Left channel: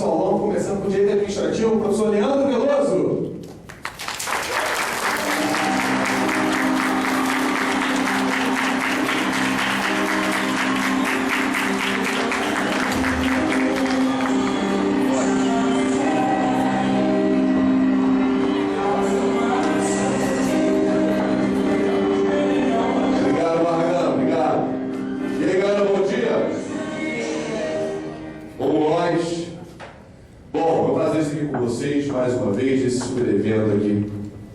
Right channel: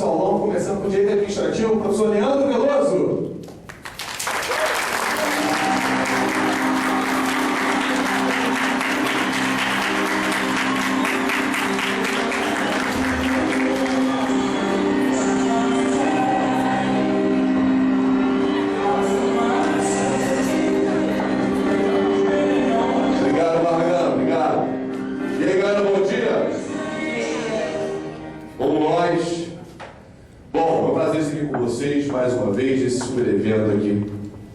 nosso aulão, começando com o direito administrativo, o professor Leandro Veloso. Mais uma vez, esse super evento aqui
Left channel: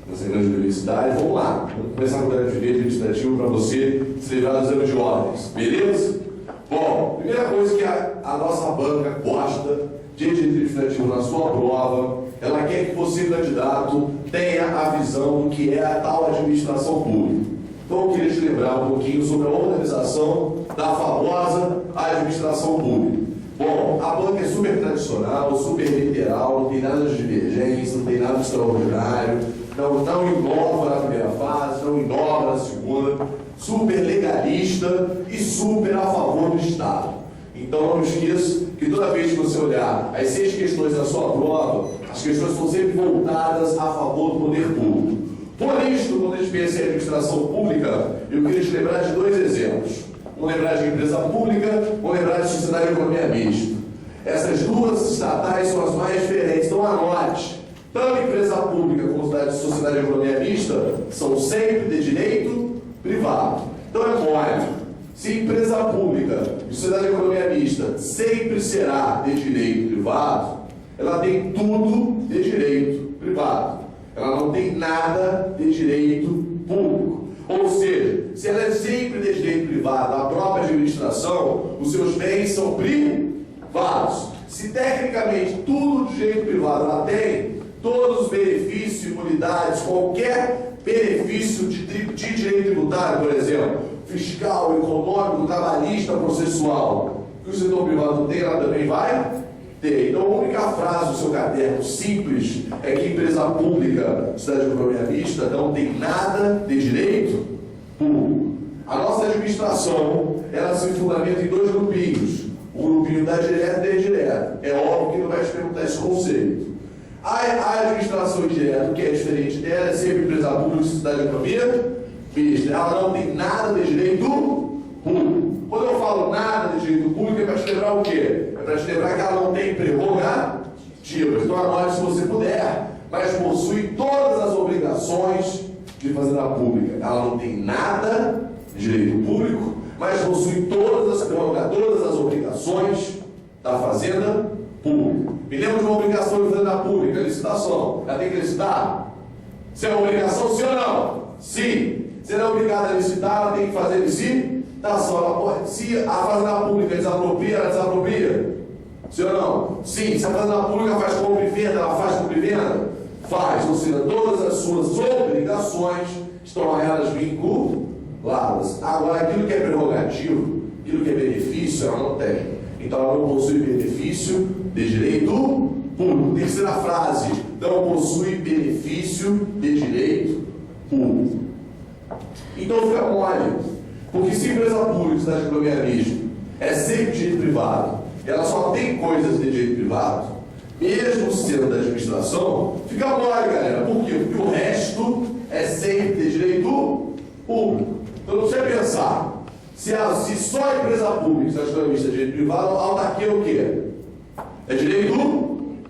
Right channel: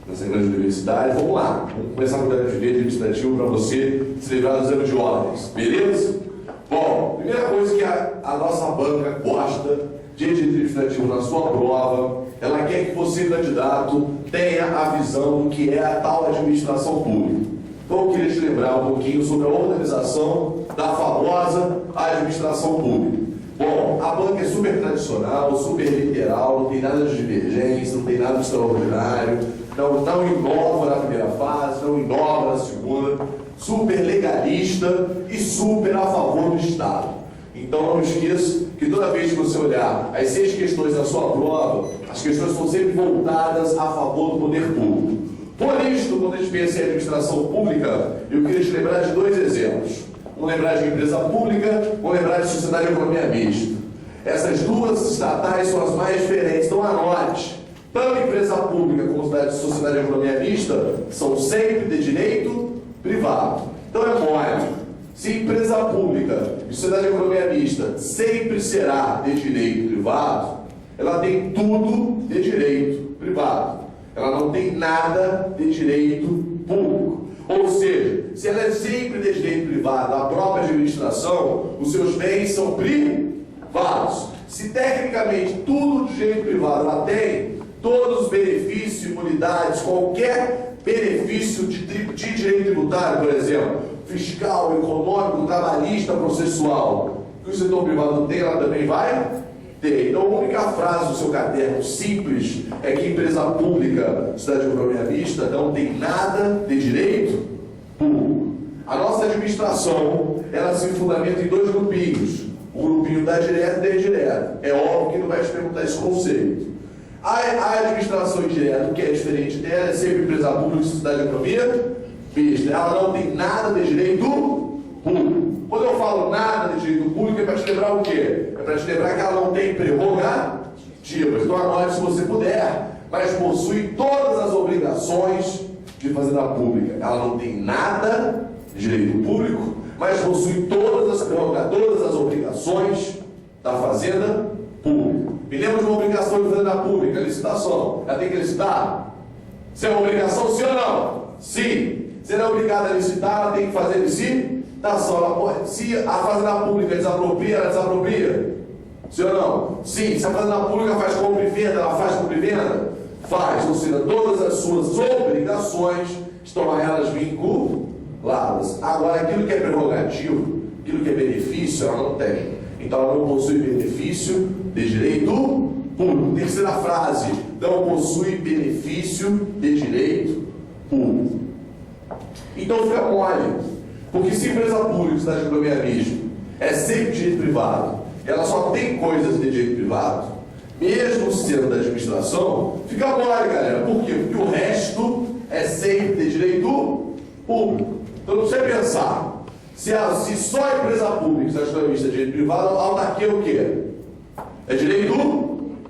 nessa grande universidade. Vamos lá, vamos começar com o direito administrativo para você se livrar do exame de ordens, beleza? Bom, primeira coisa que a nossa banca gosta de direito administrativo na sua prova, ela quer que você, candidato, tenha a visão do que é a tal administração pública. Então eu queria te lembrar um pouquinho sobre a organização da famosa administração pública. Bom, a banca é super tradicional, super literal, não tem nada de divergência, não tem nada de extraordinário, não inova na primeira fase, não inova na segunda, super legalista e super a favor do Estado. Então não esqueça que toda vez que você olhar as 6 questões da sua prova, as questões são sempre voltadas a favor do poder público. Por isso, quando a gente pensa em administração pública, eu queria te lembrar de 2 exemplos. Vamos lembrar de empresa pública, vamos lembrar de sociedade de economia mista. Essas 2 estatais são as mais diferentes, então anote. Tanto empresa pública como sociedade de economia mista são sempre de direito privado. Então é mole. Se empresa pública e sociedade de economia mista sempre será de direito privado, ela tem tudo de direito privado. Ela não tem nada de direito público. Ou seja, se ela é sempre de direito privado, a própria administração, os seus bens são privados. Se tecnicamente tudo de direito privado ela tem, todos os benefícios, imunidades, qualquer benefício de direito tributário, por exemplo, fiscal, econômico, trabalhista, processual, que o setor privado não tem, ela também vai ter. Então a única frase do seu caderno simples é que empresa pública, sociedade de economia mista, não tem nada de direito público. A nossa administração, ela se fundamenta em 2 grupinhos. O grupinho da direta e da indireta. É óbvio que não vai te perguntar esse conceito. A administração indireta, o que é diferente dela, é sempre empresa pública e sociedade de economia mista. Ela não tem nada de direito público. Quando eu falo nada de direito público, é para te lembrar o quê? É para te lembrar que ela não tem prerrogativas. Então anote se você puder, mas possui todas as obrigações de fazenda pública. Ela não tem nada de direito público, mas possui todas as obrigações da fazenda pública. Me lembro de uma obrigação de fazenda pública, licitação. Ela tem que licitar? Se é uma obrigação, sim ou não? Sim. Se ela é obrigada a licitar, ela tem que fazer licitação. Ela pode, se a fazenda pública desapropria, ela desapropria? Sim ou não? Sim. Se a fazenda pública faz compra e venda, ela faz compra e venda? Faz. Ou seja, todas as suas obrigações estão a elas vinculadas. Agora, aquilo que é prerrogativo, aquilo que é benefício, ela não tem. Então, ela não possui benefício de direito público. Terceira frase, não possui benefício de direito público. Então, fica mole. Porque se empresa pública, cidade de economia mista, é sempre direito privado, ela só tem coisas de direito privado, mesmo sendo da administração, fica mole, galera. Por quê? Porque o resto é sempre de direito público. Então, não precisa pensar. Se só a empresa pública, cidade de economia mista, é direito privado, a autarquia é o quê? É direito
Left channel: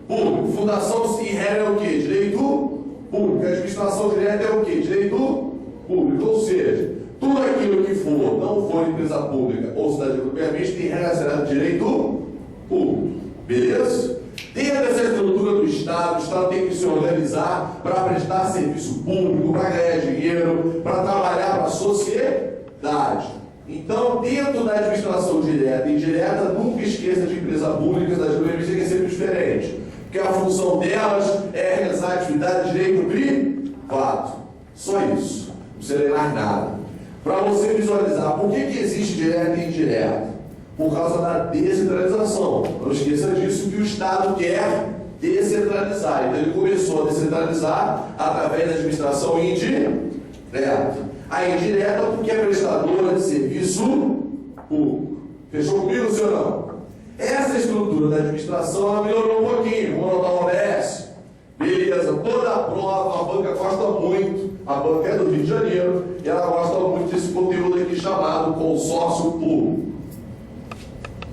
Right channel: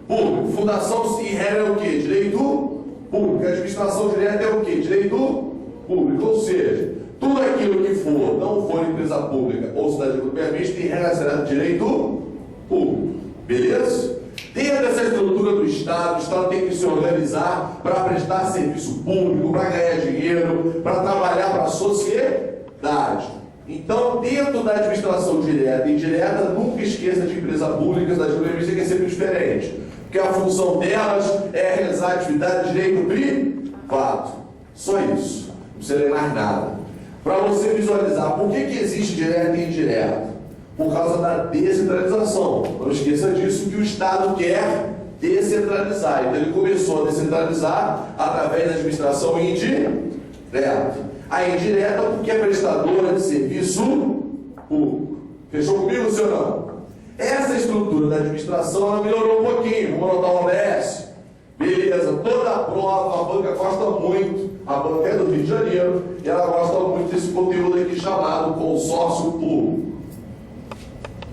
público. Fundação em regra é o quê? Direito público. A administração direta é o quê? Direito público. Ou seja, tudo aquilo que não for empresa pública ou cidade de economia mista, em regra será de direito público. Beleza? Dentro dessa estrutura do Estado, o Estado tem que se organizar para prestar serviço público, para ganhar dinheiro, para trabalhar para a sociedade. Então, dentro da administração direta e indireta, nunca esqueça de empresa pública, cidade de economia mista, que é sempre diferente. Porque a função delas é realizar atividade de direito privado. Só isso. Não precisa ler mais nada. Para você visualizar por que existe direto e indireto. Por causa da descentralização. Não esqueça disso, que o Estado quer descentralizar. Então ele começou a descentralizar através da administração indireta. A indireta porque é prestadora de serviço público. Fechou comigo, senhor não? Essa estrutura da administração ela melhorou um pouquinho, vamos anotar o OBS. Beleza, toda a prova, a banca gosta muito, a banca é do Rio de Janeiro, e ela gosta muito desse conteúdo aqui chamado consórcio público.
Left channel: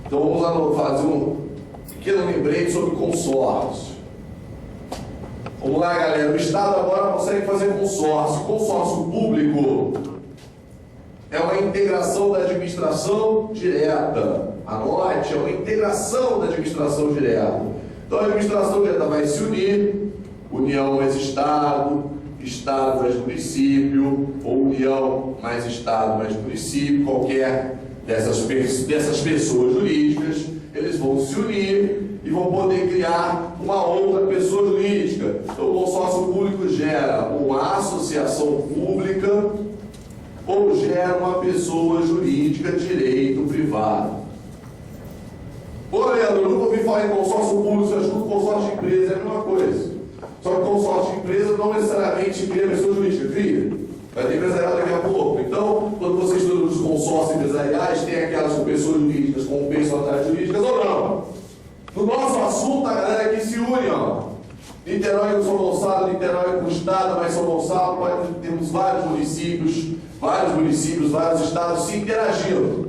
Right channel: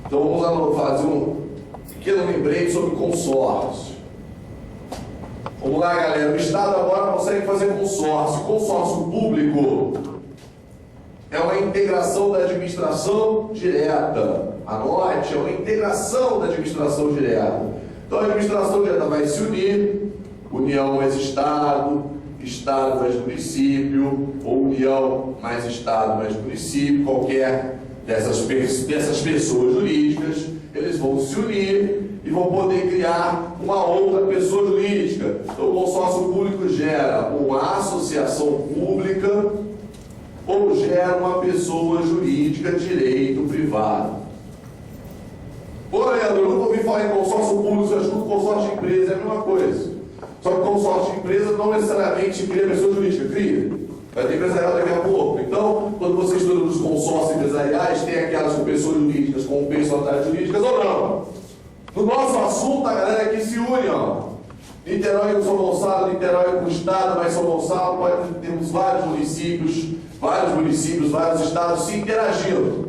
Então vamos fazer um pequeno lembrete sobre consórcio. Vamos lá, galera, o Estado agora consegue fazer consórcio. Consórcio público é uma integração da administração direta. Anote, é uma integração da administração direta. Então a administração direta vai se unir, União mais Estado, Estado mais município, ou União mais Estado mais município, qualquer dessas pessoas jurídicas, eles vão se unir e vão poder criar uma outra pessoa jurídica. Então o consórcio público gera uma associação pública ou gera uma pessoa jurídica de direito privado. Pô, Leandro, eu nunca ouvi falar em consórcio público, só escuto consórcio de empresa, é a mesma coisa. Só que consórcio de empresa não necessariamente cria pessoa jurídica, cria. Vai ter empresarial daqui a pouco. Então, quando você estuda os consórcios empresariais, tem aquelas com pessoas jurídicas com personalidades jurídicas ou não. No nosso assunto, a galera aqui se une, ó. Niterói com São Gonçalo, Niterói com o Estado, mas São Gonçalo, temos vários municípios, vários estados se interagindo.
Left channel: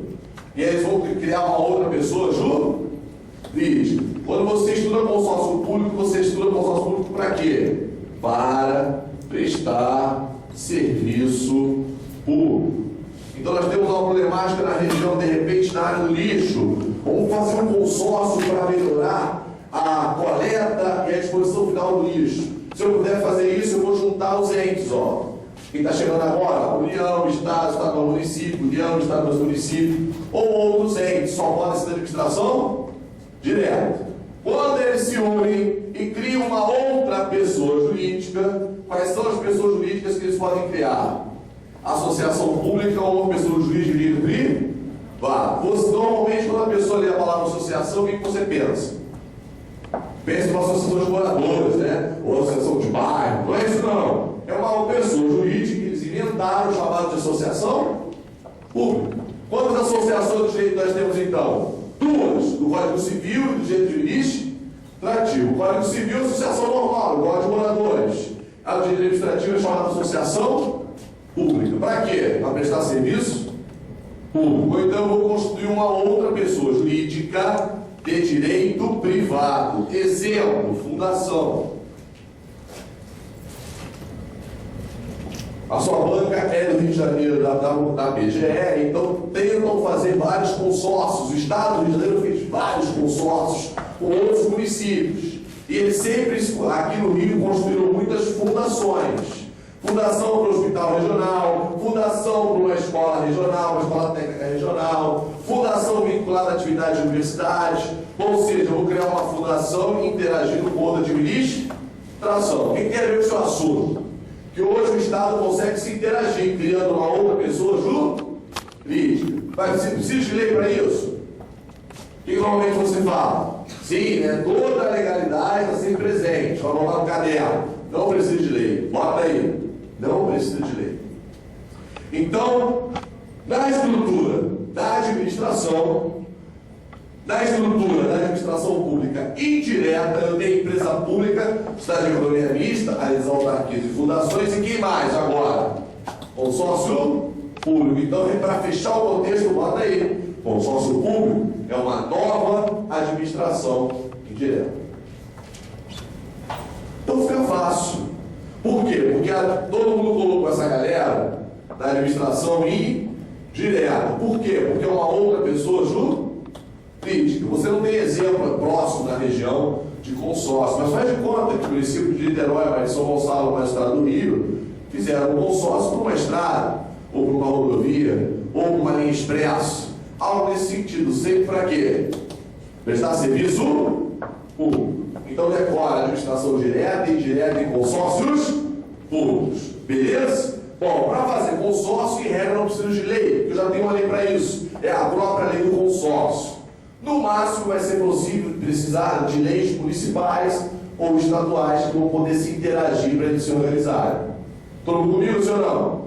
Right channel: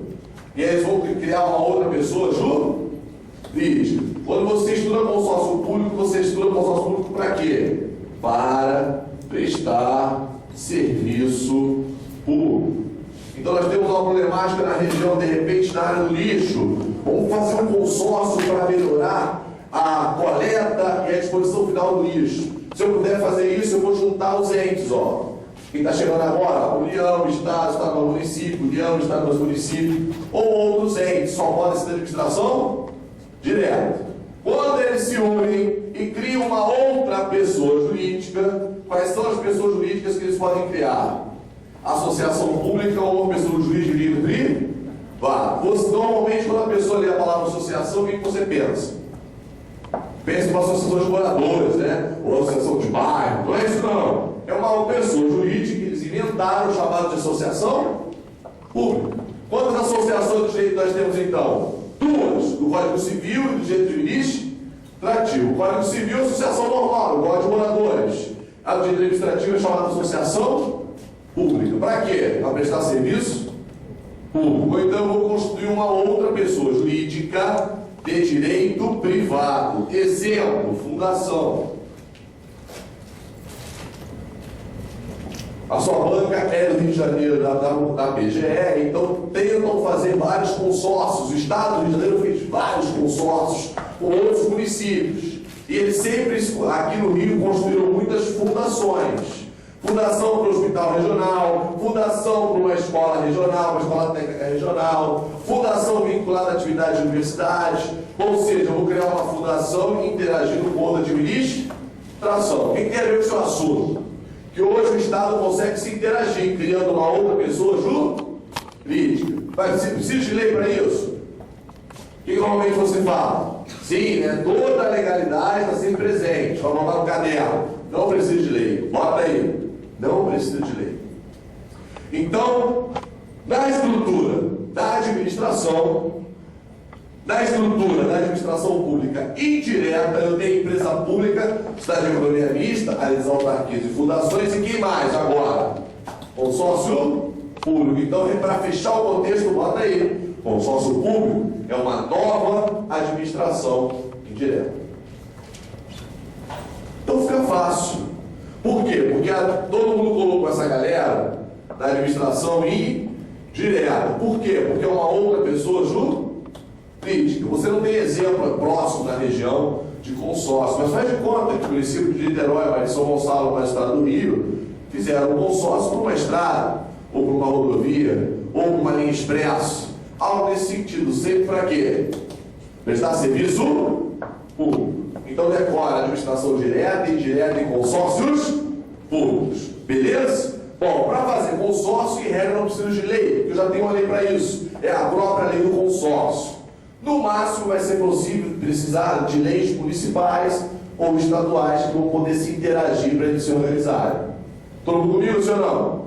E aí eles vão criar uma outra pessoa jurídica. Quando você estuda consórcio público, você estuda consórcio público para quê? Para prestar serviço público. Então nós temos uma problemática na região, de repente, na área do lixo. Vamos fazer um consórcio para melhorar a coleta e a disposição final do lixo. Se eu puder fazer isso, eu vou juntar os entes, ó. Quem está chegando agora, União, Estado, município, União, Estado, município, ou outros entes, só podem ser da administração direta. Quando eles se unem e criam uma outra pessoa jurídica, quais são as pessoas jurídicas que eles podem criar? Associação pública ou pessoa jurídica livre? Normalmente, quando a pessoa lê a palavra associação, o que você pensa? Pensa em uma associação de moradores, né? Ou associação de bairro. Não é isso, não. É uma pessoa jurídica que eles inventaram, chamado de associação pública. Quantas associações de direito nós temos, então? Duas, do Código Civil e do direito administrativo. O Código Civil é associação normal, o Código de Moradores. A do direito administrativo é chamada associação pública. Para quê? Para prestar serviço público. Ou então eu vou construir uma outra pessoa jurídica de direito privado. Exemplo, fundação. A sua banca é do Rio de Janeiro, da PGE, então tentam fazer vários consórcios. O Estado do Rio de Janeiro fez vários consórcios com outros municípios. E eles sempre, aqui no Rio, construíram muitas fundações. Fundação para o Hospital Regional, fundação para uma escola regional, uma escola técnica regional, fundação vinculada à atividade de universidade. Ou seja, eu vou criar uma fundação interagindo com outra administração. O que tem a ver com o seu assunto? Que hoje o Estado consegue se interagir, criando uma outra pessoa jurídica. Mas você precisa de lei para isso? O que normalmente você fala? Sim, né? Toda a legalidade está sempre presente. Vamos botar no caderno. Não precisa de lei. Bota aí. Não precisa de lei. Então, na estrutura da administração pública indireta, eu tenho empresa pública, cidade de economia mista, as autarquias e fundações, e quem mais agora? Consórcio público. Então, para fechar o contexto, bota aí. Consórcio público é uma nova administração indireta. Então fica fácil. Por quê? Porque todo mundo colocou essa galera na administração indireta. Por quê? Porque é uma outra pessoa jurídica. Você não tem exemplo próximo na região de consórcio, mas faz de conta que o município de Niterói, mais São Gonçalo, mais o estado do Rio, fizeram um consórcio por uma estrada, ou por uma rodovia, ou por uma linha expresso. Algo nesse sentido, sempre para quê? Prestar serviço público. Então decora administração direta e indireta em consórcios públicos. Beleza? Bom, para fazer consórcio, em regra, não precisa de lei, porque eu já tenho uma lei para isso. É a própria lei do consórcio. No máximo vai ser possível precisar de leis municipais ou estaduais que vão poder se interagir para eles se organizarem. Todo mundo comigo, senhor não?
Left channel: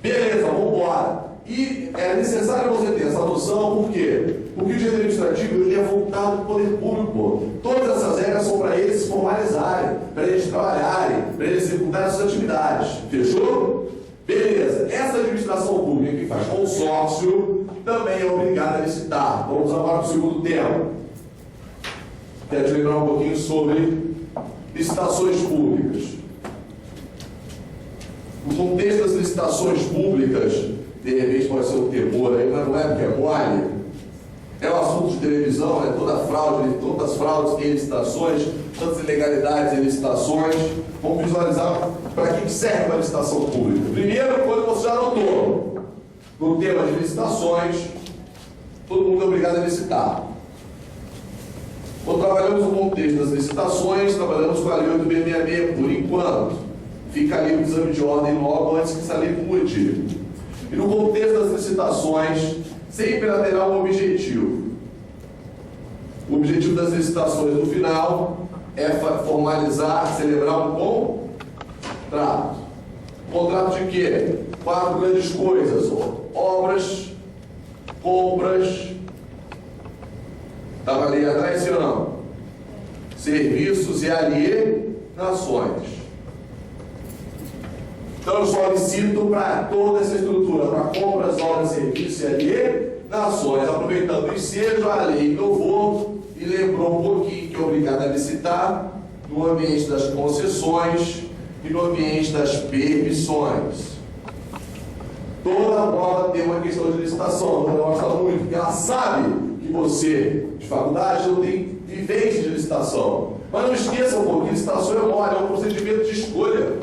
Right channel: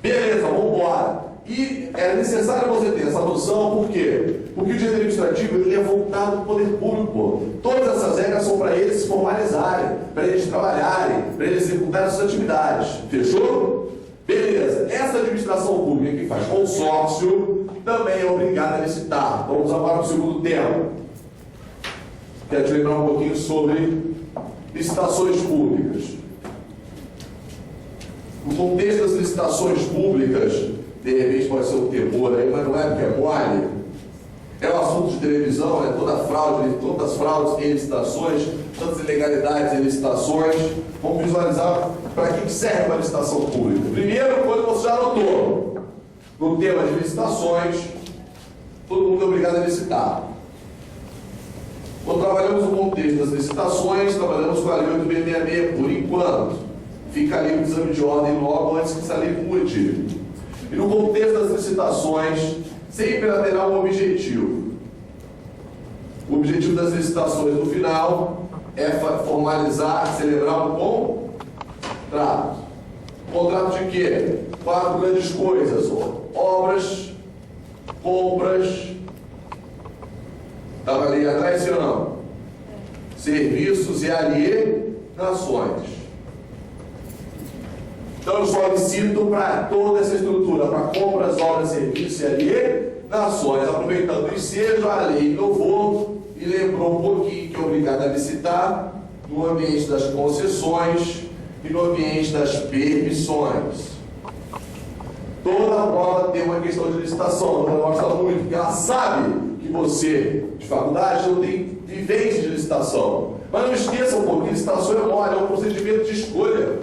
Beleza, vamos embora. E é necessário você ter essa noção, por quê? Porque o direito administrativo ele é voltado para o poder público. Todas essas regras são para eles se formalizarem, para eles trabalharem, para eles executarem suas atividades. Fechou? Beleza. Essa administração pública que faz consórcio também é obrigada a licitar. Vamos agora para o segundo tema. Quero te lembrar um pouquinho sobre licitações públicas. No contexto das licitações públicas, de repente pode ser um temor aí, mas não é porque é mole. É um assunto de televisão, é todas as fraudes em licitações, tantas ilegalidades em licitações. Vamos visualizar para que serve uma licitação pública. Primeiro, quando você já notou, no tema de licitações, todo mundo é obrigado a licitar. Quando trabalhamos no contexto das licitações, trabalhamos com a Lei 8.666 por enquanto. Fica ali o exame de ordem logo antes que essa lei mude. E no contexto das licitações, sempre terá um objetivo. O objetivo das licitações no final é formalizar, celebrar um contrato. Contrato de quê? 4 grandes coisas: obras, compras, estava ali atrás, sim ou não? Serviços e alienações. Então eu solicito para toda essa estrutura, para compras, obras, serviços e alienações, aproveitando o ensejo, a lei inovou e lembrou um pouquinho que é obrigado a licitar no ambiente das concessões e no ambiente das permissões. Toda prova tem uma questão de licitação, ela gosta muito, porque ela sabe que você, de faculdade, não tem vivência de licitação. Mas não esqueça um pouco, licitação é mole, é um procedimento de escolha.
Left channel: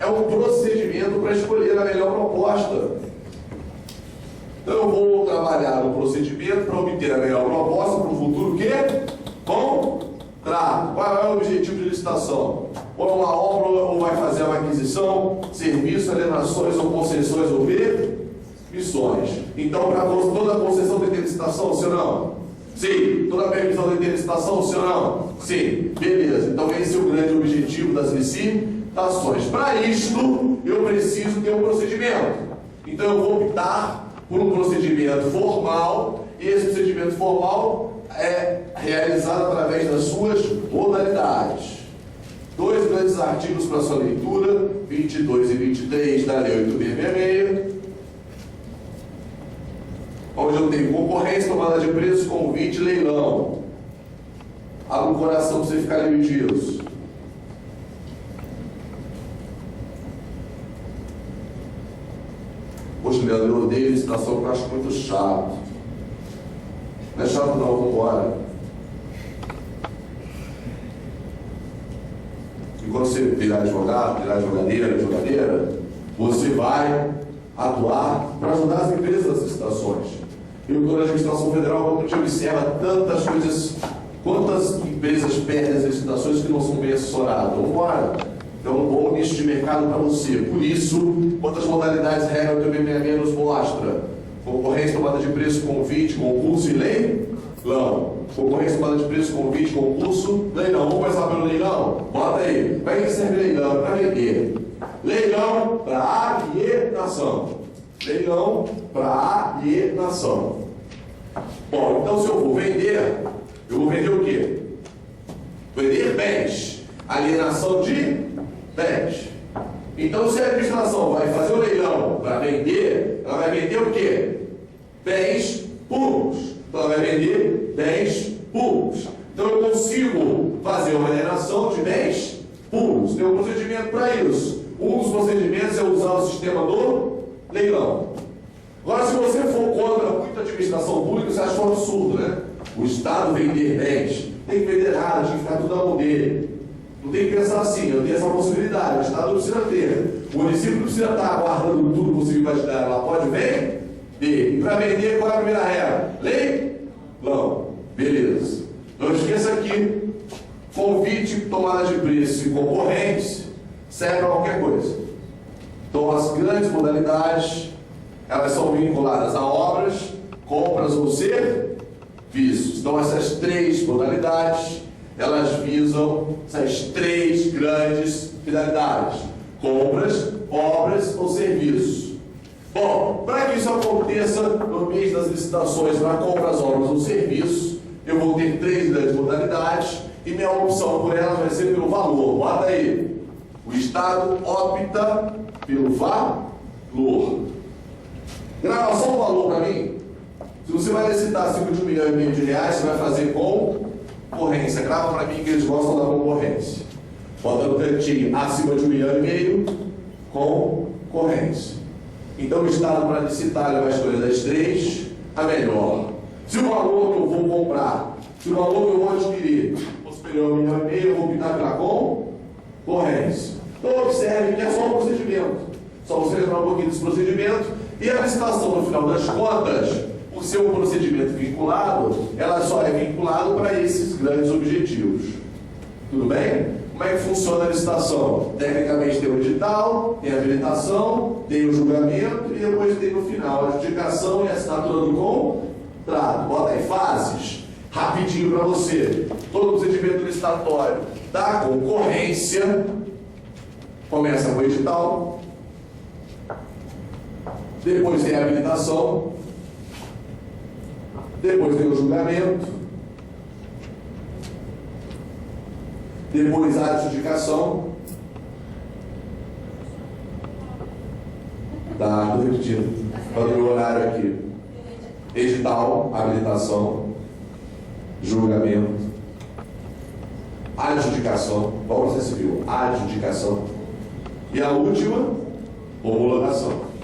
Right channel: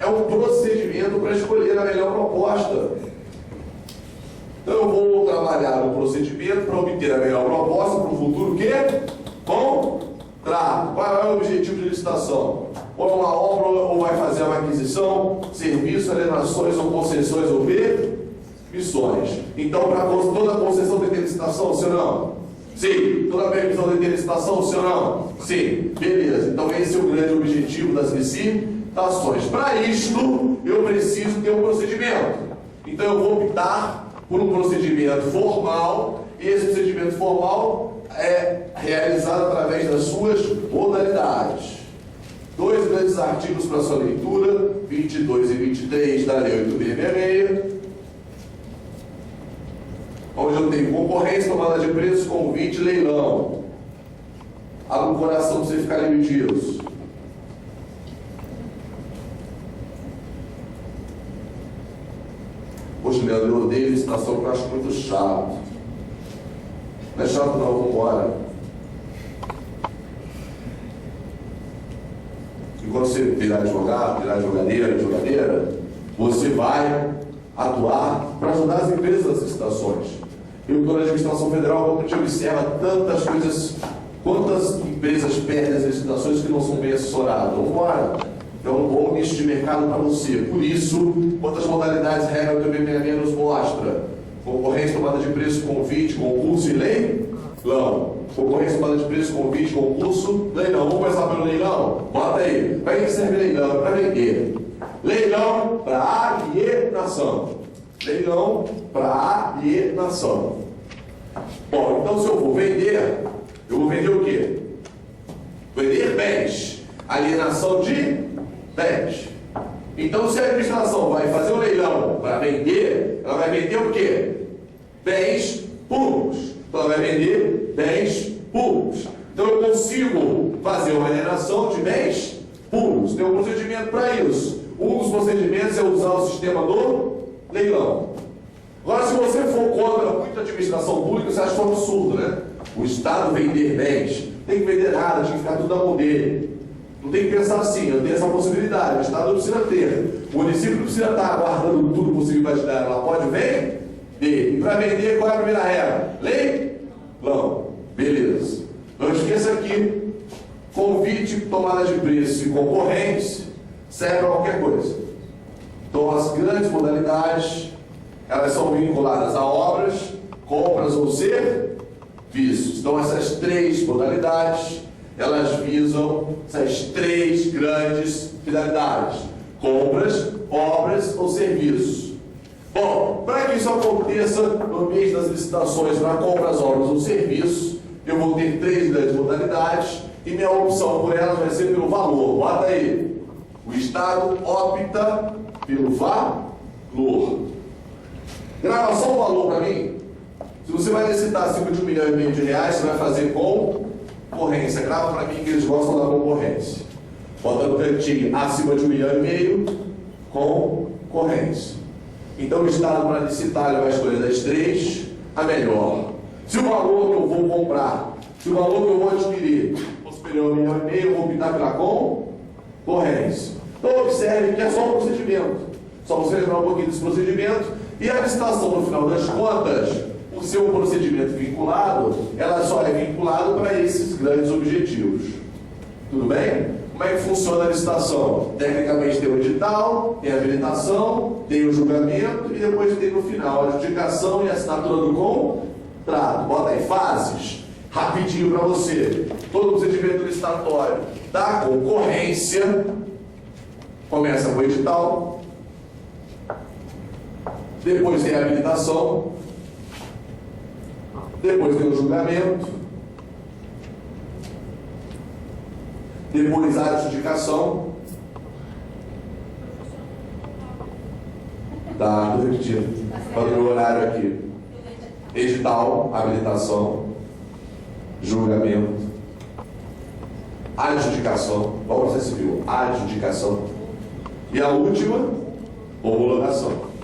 É um procedimento para escolher a melhor proposta. Então eu vou trabalhar no procedimento para obter a melhor proposta para o futuro quê? Contrato. Qual é o objetivo de licitação? Ou é uma obra ou vai fazer uma aquisição, serviço, alienações ou concessões ou permissões. Então, para toda concessão tem que ter licitação, sim ou não? Sim. Toda permissão tem que ter licitação, sim ou não? Sim. Beleza. Então esse é o grande objetivo das licitações. Para isto, eu preciso ter um procedimento. Então eu vou optar por um procedimento formal, e esse procedimento formal é realizado através das suas modalidades. 2 grandes artigos para sua leitura, 22 e 23 da Lei 8.666, onde eu tenho concorrência, tomada de preço, convite, leilão. Abra o coração para você ficar livre disso. Poxa, Leandro, eu odeio licitação porque eu acho muito chato. Não é chato não, vamos embora. E quando você virar advogado, virar jogadeira, você vai atuar para ajudar as empresas das licitações. Eu estou na administração federal, quando a gente observa tantas coisas, quantas empresas perdem as licitações que não são bem assessoradas. Vamos embora. É um bom nicho de mercado para você. Por isso, quantas modalidades regra do BMM nos mostra? Concorrência, tomada de preço, convite, concurso e leilão. Concorrência, tomada de preço, convite, concurso, leilão. Vamos começar pelo leilão? Bota aí. Para que serve leilão? Para vender. Leilão para alienação. Leilão para alienação. Bom, então se eu vou vender o quê? Vender bens. Alienação de bens. Então, se a administração vai fazer um leilão para vender, ela vai vender o quê? Bens públicos. Então, ela vai vender bens públicos. Então, eu consigo fazer uma alienação de bens públicos. Tem um procedimento para isso. Um dos procedimentos é usar o sistema do leilão. Agora, se você for contra muita administração pública, você acha um absurdo, né? O Estado vender bens. Tem que vender nada, tem que ficar tudo na mão dele. Não tem que pensar assim, eu tenho essa possibilidade, o Estado não precisa ter. O município não precisa estar aguardando tudo possível para te dar. Ela pode vender. E para vender, qual é a primeira regra? Leilão. Beleza. Não esqueça que convite, tomada de preço e concorrência serve para qualquer coisa. Então as grandes modalidades, elas são vinculadas a obras, compras ou serviços. Então essas 3 modalidades, elas visam essas 3 grandes finalidades: compras, obras ou serviços. Bom, para isso aconteça no mês das licitações para compras, obras ou serviços, eu vou ter 3 grandes modalidades e minha opção por elas vai ser pelo valor. Bota aí. O Estado opta pelo valor. Gravação valor para mim. Se você vai licitar acima de R$1,5 milhão você vai fazer concorrência. Grava para mim que eles gostam da concorrência. Bota no cantinho acima de R$1,5 milhão, concorrência. Então o Estado, para licitar, ele vai escolher das 3 a melhor. Se o valor que eu vou comprar, se o valor que eu vou adquirir for superior a R$1,5 milhão, eu vou optar pela concorrência. Então observe que é só um procedimento. Só você lembrar um pouquinho desse procedimento. E a licitação, no final das contas, por ser um procedimento vinculado, ela só é vinculada para esses grandes objetivos. Tudo bem? Como é que funciona a licitação? Tecnicamente tem o edital, tem a habilitação, tem o julgamento e depois tem no final a adjudicação e a assinatura do contrato. Bota aí fases, rapidinho para você. Todo procedimento licitatório da concorrência começa com o edital, depois tem a habilitação, depois tem o julgamento, depois a adjudicação. Tá, estou repetindo. Olha o meu horário aqui. Edital, habilitação, julgamento, adjudicação. Qual o processo civil? Adjudicação. E a última, homologação.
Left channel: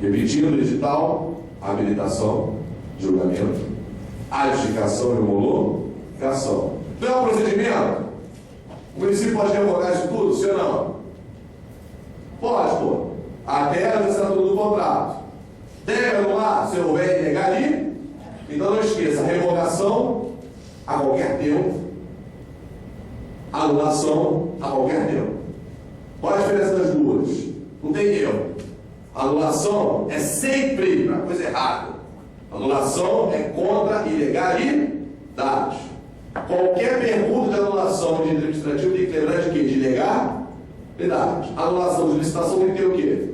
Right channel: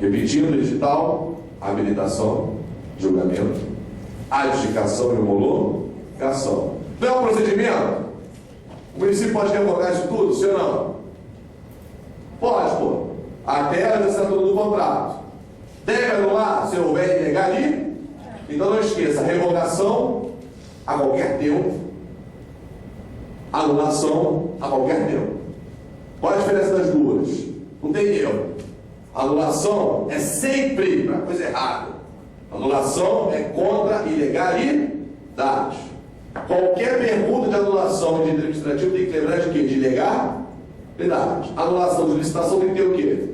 Repetindo, edital, habilitação, julgamento, adjudicação e homologação. Não é um procedimento? O município pode revogar isso tudo, sim ou não? Pode, pô. Até a assinatura do contrato. Deve anular se houver ilegal ali? Então não esqueça, revogação a qualquer tempo, anulação a qualquer tempo. Qual a diferença das duas? Não tem erro. Anulação é sempre para coisa errada. Anulação é contra a ilegalidade. Qualquer pergunta de anulação de direito administrativo tem que lembrar de quê? De ilegalidade. Anulação de licitação tem que ter o quê?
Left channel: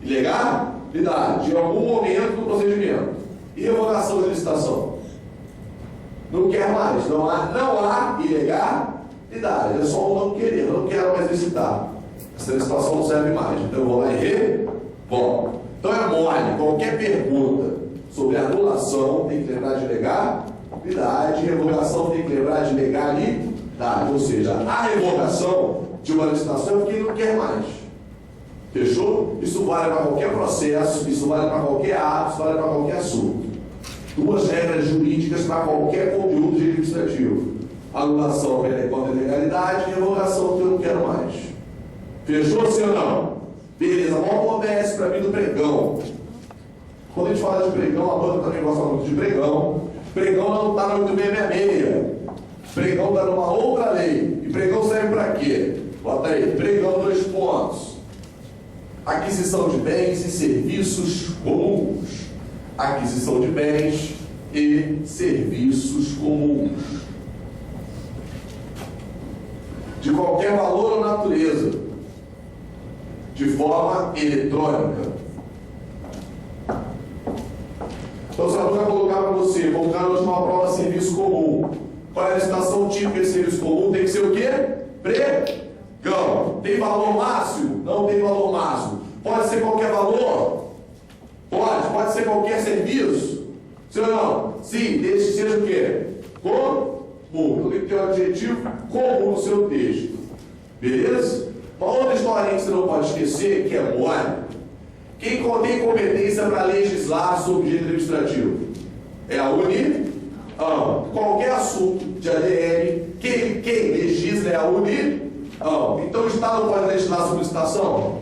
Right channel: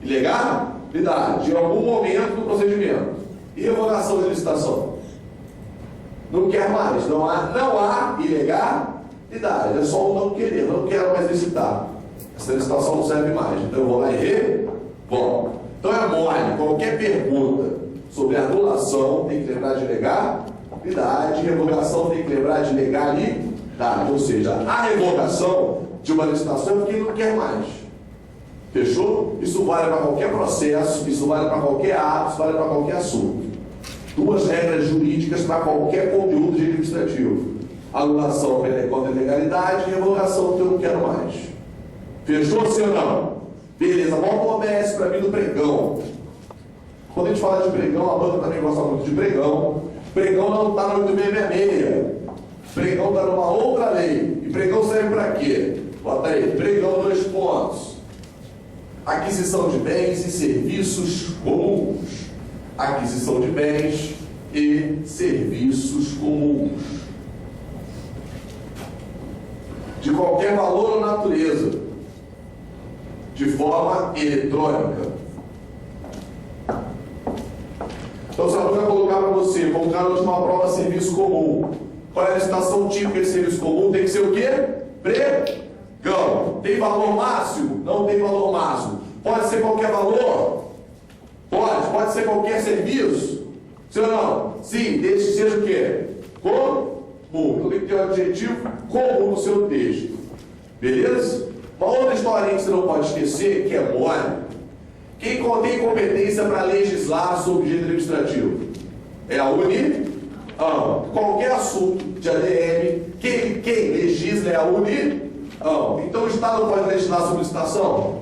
Ilegalidade. Em algum momento do procedimento. E revogação de licitação? Não quer mais. Não há ilegalidade. É só um não querer. Eu não quero mais licitar. Essa licitação não serve mais. Então eu vou lá e revogo. Então é mole. Qualquer pergunta sobre anulação tem que lembrar de ilegalidade. Revogação tem que lembrar de legalidade. Ou seja, a revogação de uma licitação é porque não quer mais. Fechou? Isso vale para qualquer processo, isso vale para qualquer ato, isso vale para qualquer assunto. 2 regras jurídicas para qualquer conteúdo administrativo. Anulação contra a legalidade e revogação que eu não quero mais. Fechou, sim ou não? Beleza, vamos o OBS para mim do pregão. Quando a gente fala de pregão, a banda também gosta muito de pregão. Pregão não está no 8666. Pregão está numa outra lei. E pregão serve para quê? Bota aí, pregão 2 pontos. Aquisição de bens e serviços comuns. Aquisição de bens e serviços comuns. De qualquer valor ou natureza. De forma eletrônica. Então, se eu vai colocar para você, colocar hoje uma prova serviço comum. Qual é a licitação típica de serviço comum? Tem que ser o quê? Pregão. Tem valor máximo? Não tem valor máximo. Pode ser qualquer valor? Pode ser qualquer serviço? Sim ou não? Sim, desde que seja o quê? Comum. Então tem que ter um adjetivo comum no seu texto. Beleza? Uma outra historinha que você não pode esquecer, que é mole. Quem tem competência para legislar sobre direito administrativo? É a União. Qualquer assunto de ADM, quem legisla é a União. Então o Estado não pode legislar sobre licitação?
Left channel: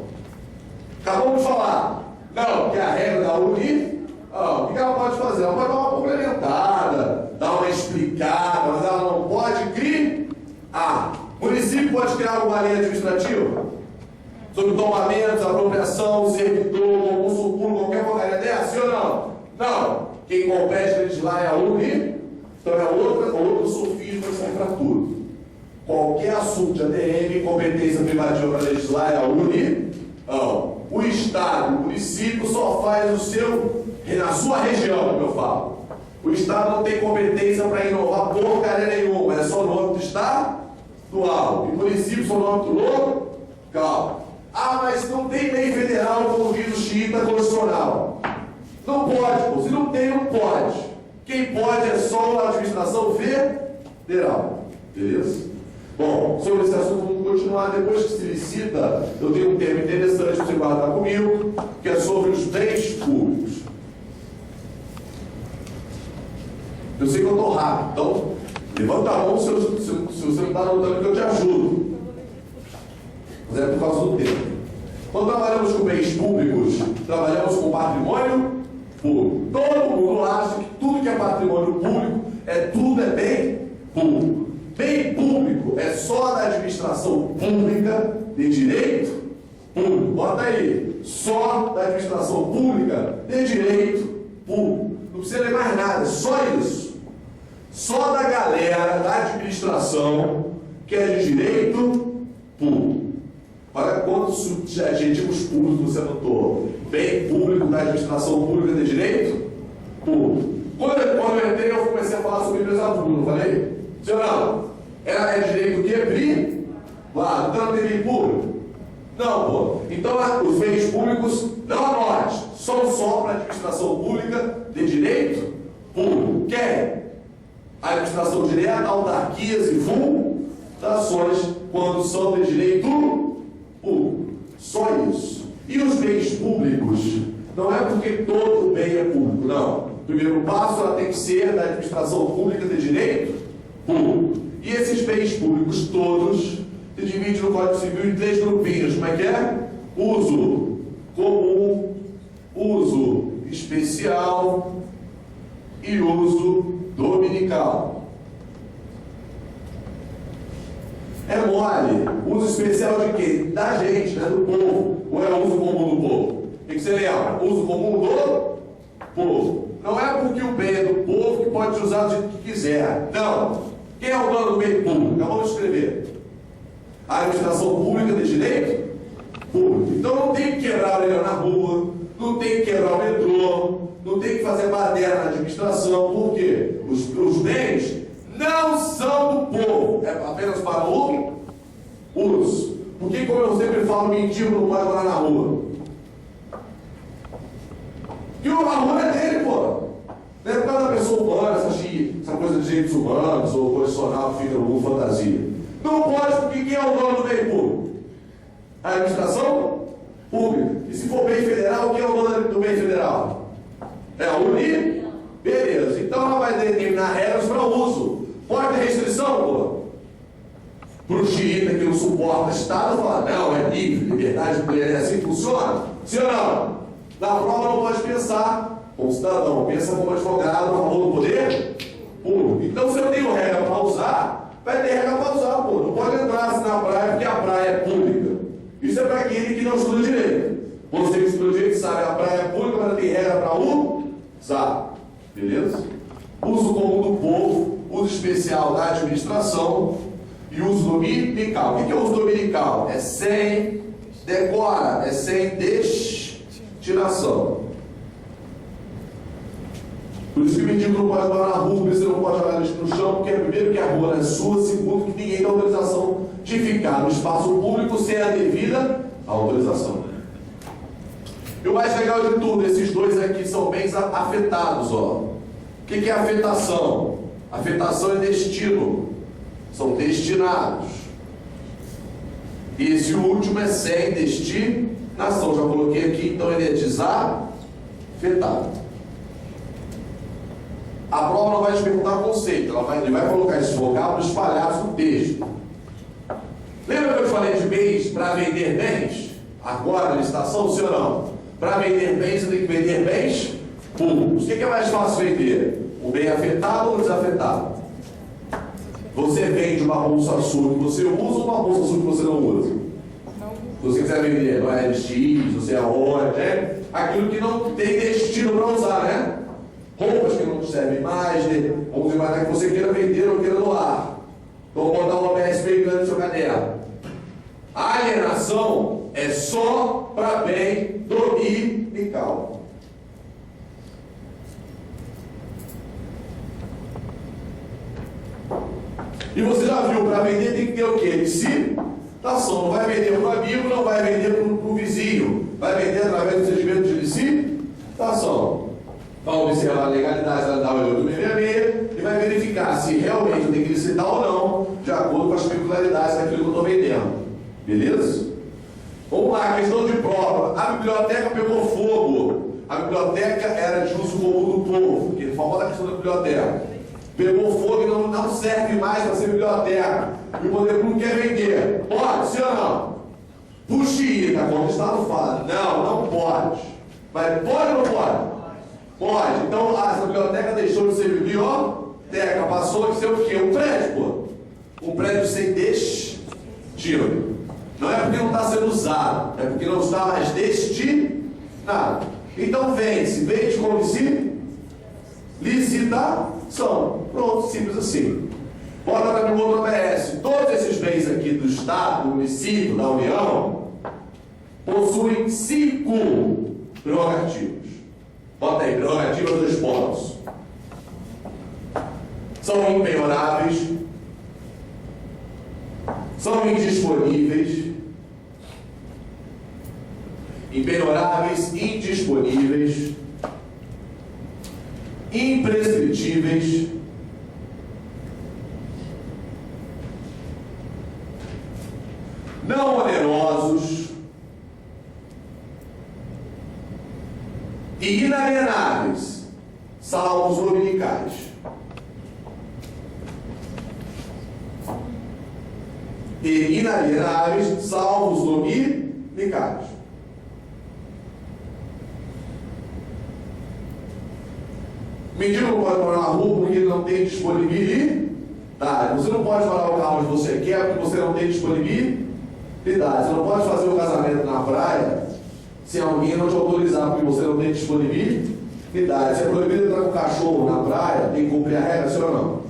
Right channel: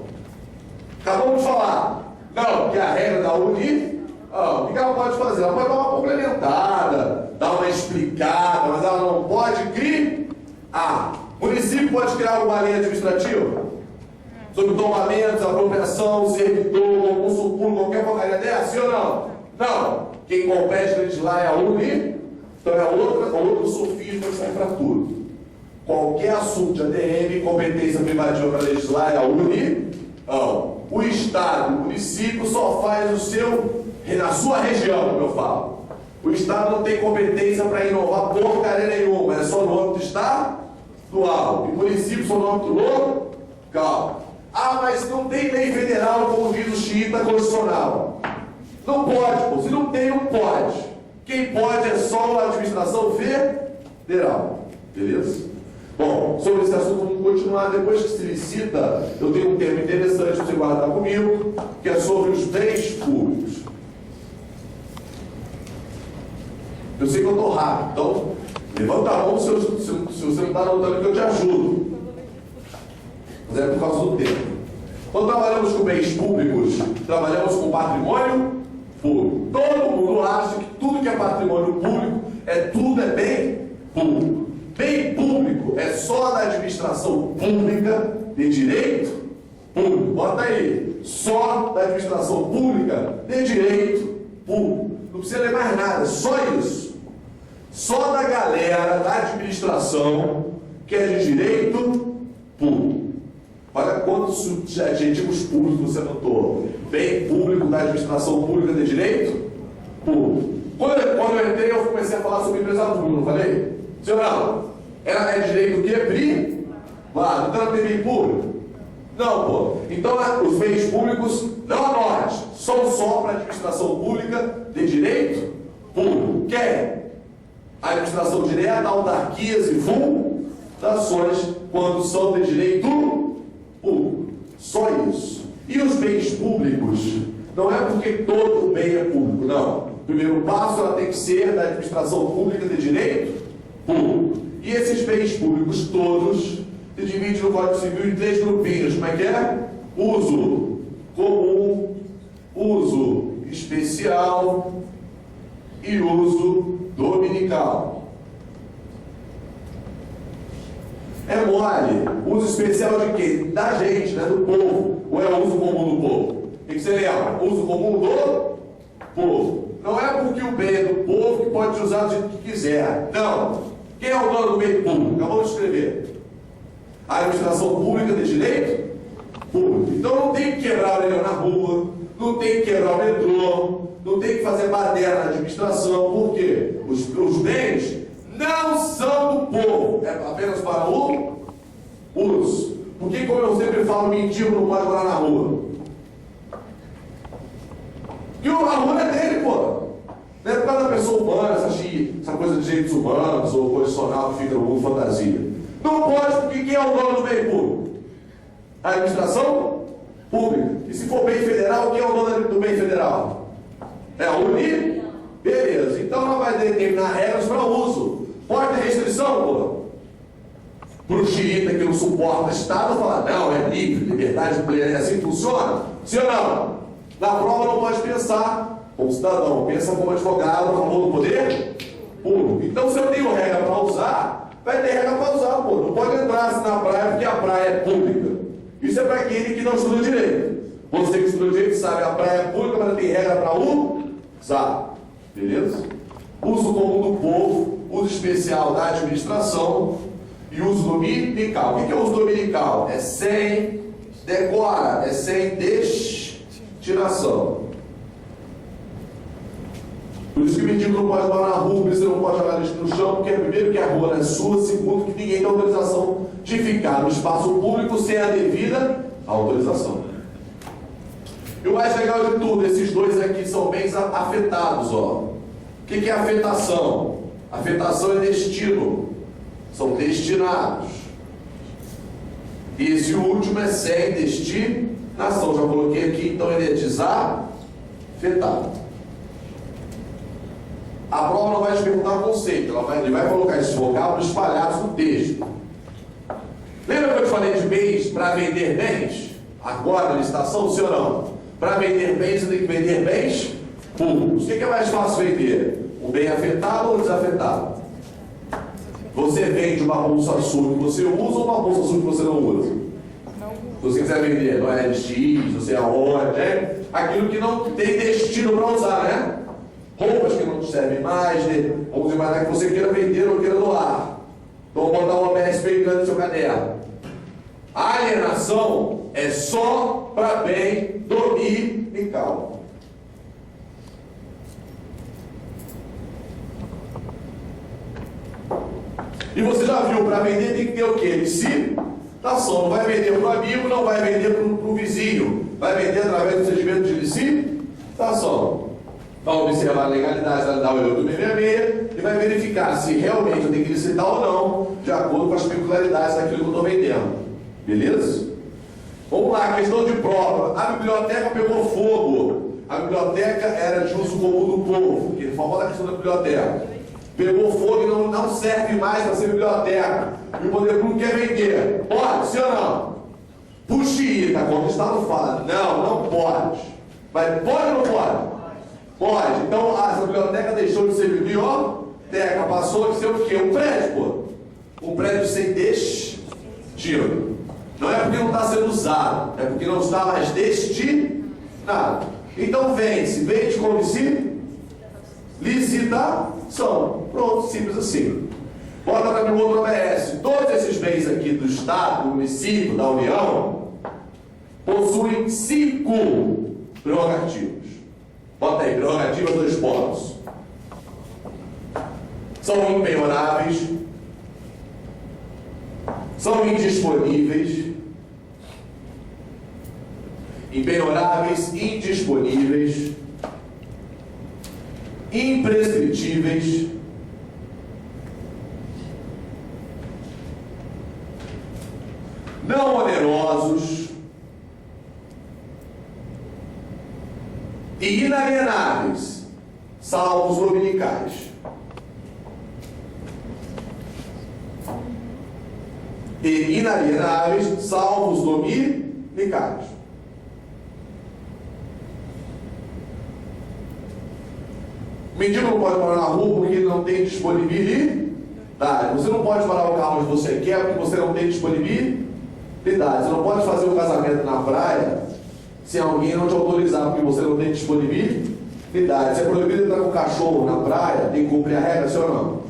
Acabamos de falar. Não, que é a regra da União. O que ela pode fazer? Ela pode dar uma complementada, dar uma explicada, mas ela não pode criar. O município pode criar alguma lei administrativa? Sobre tomamentos, apropriação, servidor, concurso público, qualquer porcaria dessa, sim ou não? Não. Quem compete a legislar é a União. Então é outro sofisma que serve para tudo. Qualquer assunto de ADM, competência privativa para legislar é a União. o Estado, o município só faz o seu, na sua região, como eu falo. O Estado não tem competência para inovar porcaria nenhuma, é só no âmbito estadual. E município só no âmbito local. Ah, mas não tem lei federal como diz o xiita constitucional. Não pode, pô. Se não tem, não pode. Quem pode é só a administração federal. Beleza? Bom, sobre esse assunto vamos continuar. Depois que se licita, eu tenho um tema interessante para você guardar comigo, que é sobre os bens públicos. Eu sei que eu estou rápido, então levanta a mão se você não está anotando que eu te ajudo. Mas é por causa do tempo. Quando trabalhamos com bens públicos, trabalhamos com patrimônio público. Todo mundo acha que tudo que é patrimônio público tudo é bem público. Bem público é só da administração pública de direito público. Bota aí. Só da administração pública de direito público. Não precisa ler mais nada, só isso. Só da galera da administração que é de direito público. Olha quantos adjetivos públicos você anotou. Bem público da administração pública de direito público. Quando eu entrei, eu comecei a falar sobre empresa pública, não falei? Sim ou não? Ela é de direito o quê? Privado. Então não tem bem público? Não, pô. Então os bens públicos, não anote, são só para a administração pública de direito público. Quem? A administração direta, autarquias e fundações, quando são de direito público. Só isso. E os bens públicos? Não é porque todo bem é público, não. O primeiro passo ela tem que ser da administração pública de direito público. E esses bens públicos todos se dividem no Código Civil em 3 grupinhos. Como é que é? Uso comum, uso especial e uso dominical. É mole. Uso especial de quê? Da gente, né? Do povo. Ou é uso comum do povo? O que você lembra? Uso comum do povo. Não é porque o bem é do povo que pode usar do jeito que quiser. Não. Quem é o dono do bem público? Acabamos de escrever. A administração pública de direito público. Então não tem que quebrar o leão na rua, não tem que quebrar o metrô, não tem que fazer baderna na administração. Por quê? Os bens não são do povo, é apenas para o uso. Porque, como eu sempre falo, mendigo não pode morar na rua. Porque a rua é dele, pô. Não é por causa da pessoa humana, essa coisa de direitos humanos ou condicional que fica no fantasia. Não pode, porque quem é o dono do bem público? A administração pública. E se for bem federal, quem é o dono do bem federal? É a União. Beleza. Então ela vai determinar regras para uso. Pode ter restrição, pô? Para o xiita que não suporta o Estado, falar, não, é livre, liberdade plena, é assim que funciona? Sim ou não? Na prova não pode pensar como cidadão, pensa como advogado, a favor do poder público. Então, se eu tenho regra para usar, vai ter regra para usar, pô. Não pode entrar assim na praia porque a praia é pública. Isso é para aquele que não estuda direito. Você que estuda direito sabe, a praia é pública, mas tem regra para usar. Beleza? Uso comum do povo, uso especial da administração e uso dominical. O que é uso dominical? É sem decora, é sem destinação. Por isso que o mendigo não pode morar na rua, por isso não pode jogar lixo no chão, porque primeiro que a rua não é sua, segundo que ninguém tem autorização de ficar no espaço público sem a devida autorização. E o mais legal de tudo, esses dois aqui são bens afetados, ó. O que é afetação? Afetação é destino. São destinados. E esse último é sem destinação. Já coloquei aqui, então ele é desafetado. A prova não vai te perguntar o conceito, ele vai colocar esses vocábulos espalhados no texto. Lembra que eu te falei de bens para vender bens? Agora, na licitação, sim ou não? Para vender bens, você tem que vender bens públicos. O que é mais fácil vender? O bem afetado ou desafetado? Você vende uma bolsa sua que você usa ou uma bolsa sua que você não usa? Se você quiser vender no LX, não sei aonde, né? Aquilo que não tem destino para usar, né? Roupas que não te servem mais, né? Vamos imaginar que você queira vender ou queira doar. Então, vou botar uma PS bem grande no seu caderno. A alienação é só para bem dominical. E você já viu, para vender tem que ter o quê? Licitação. Não vai vender para o amigo, não vai vender para o vizinho. Vai vender através do procedimento de licitação. Vai observar a legalidade da lei do 866 e vai verificar se realmente eu tenho que licitar ou não, de acordo com as peculiaridades daquilo que eu estou vendendo. Beleza? Vamos lá, questão de prova. A biblioteca pegou fogo. A biblioteca era de uso comum do povo, que famosa questão da biblioteca. Pegou fogo e não serve mais para ser biblioteca. E o poder público quer vender. Pode, sim ou não? Puxa, quando o Estado fala, não pode. Mas pode ou não pode? Pode. Então, essa biblioteca deixou de ser biblioteca, passou de ser o quê? Um prédio, pô. Um prédio sem destino. Não é porque não está sendo usado, é porque não está mais destinado. Então, vende com licitação. Pronto, simples assim. Bota para mim outro OBS. Todos esses bens aqui do Estado, do município, da União, possuem 5 prerrogativas. Bota aí, prerrogativas 2 pontos. São impenhoráveis, são indisponíveis, impenhoráveis, indisponíveis, imprescritíveis, não onerosos e inalienáveis, salvo os dominicais. E inalienáveis, salvo os dominicais. O mendigo não pode morar na rua porque ele não tem disponibilidade. Você não pode parar o carro onde você quer porque você não tem disponibilidade. Você não pode fazer o casamento na praia se alguém não te autorizar porque você não tem disponibilidade. Se é proibido entrar com o cachorro na praia, tem que cumprir a regra, sim ou não?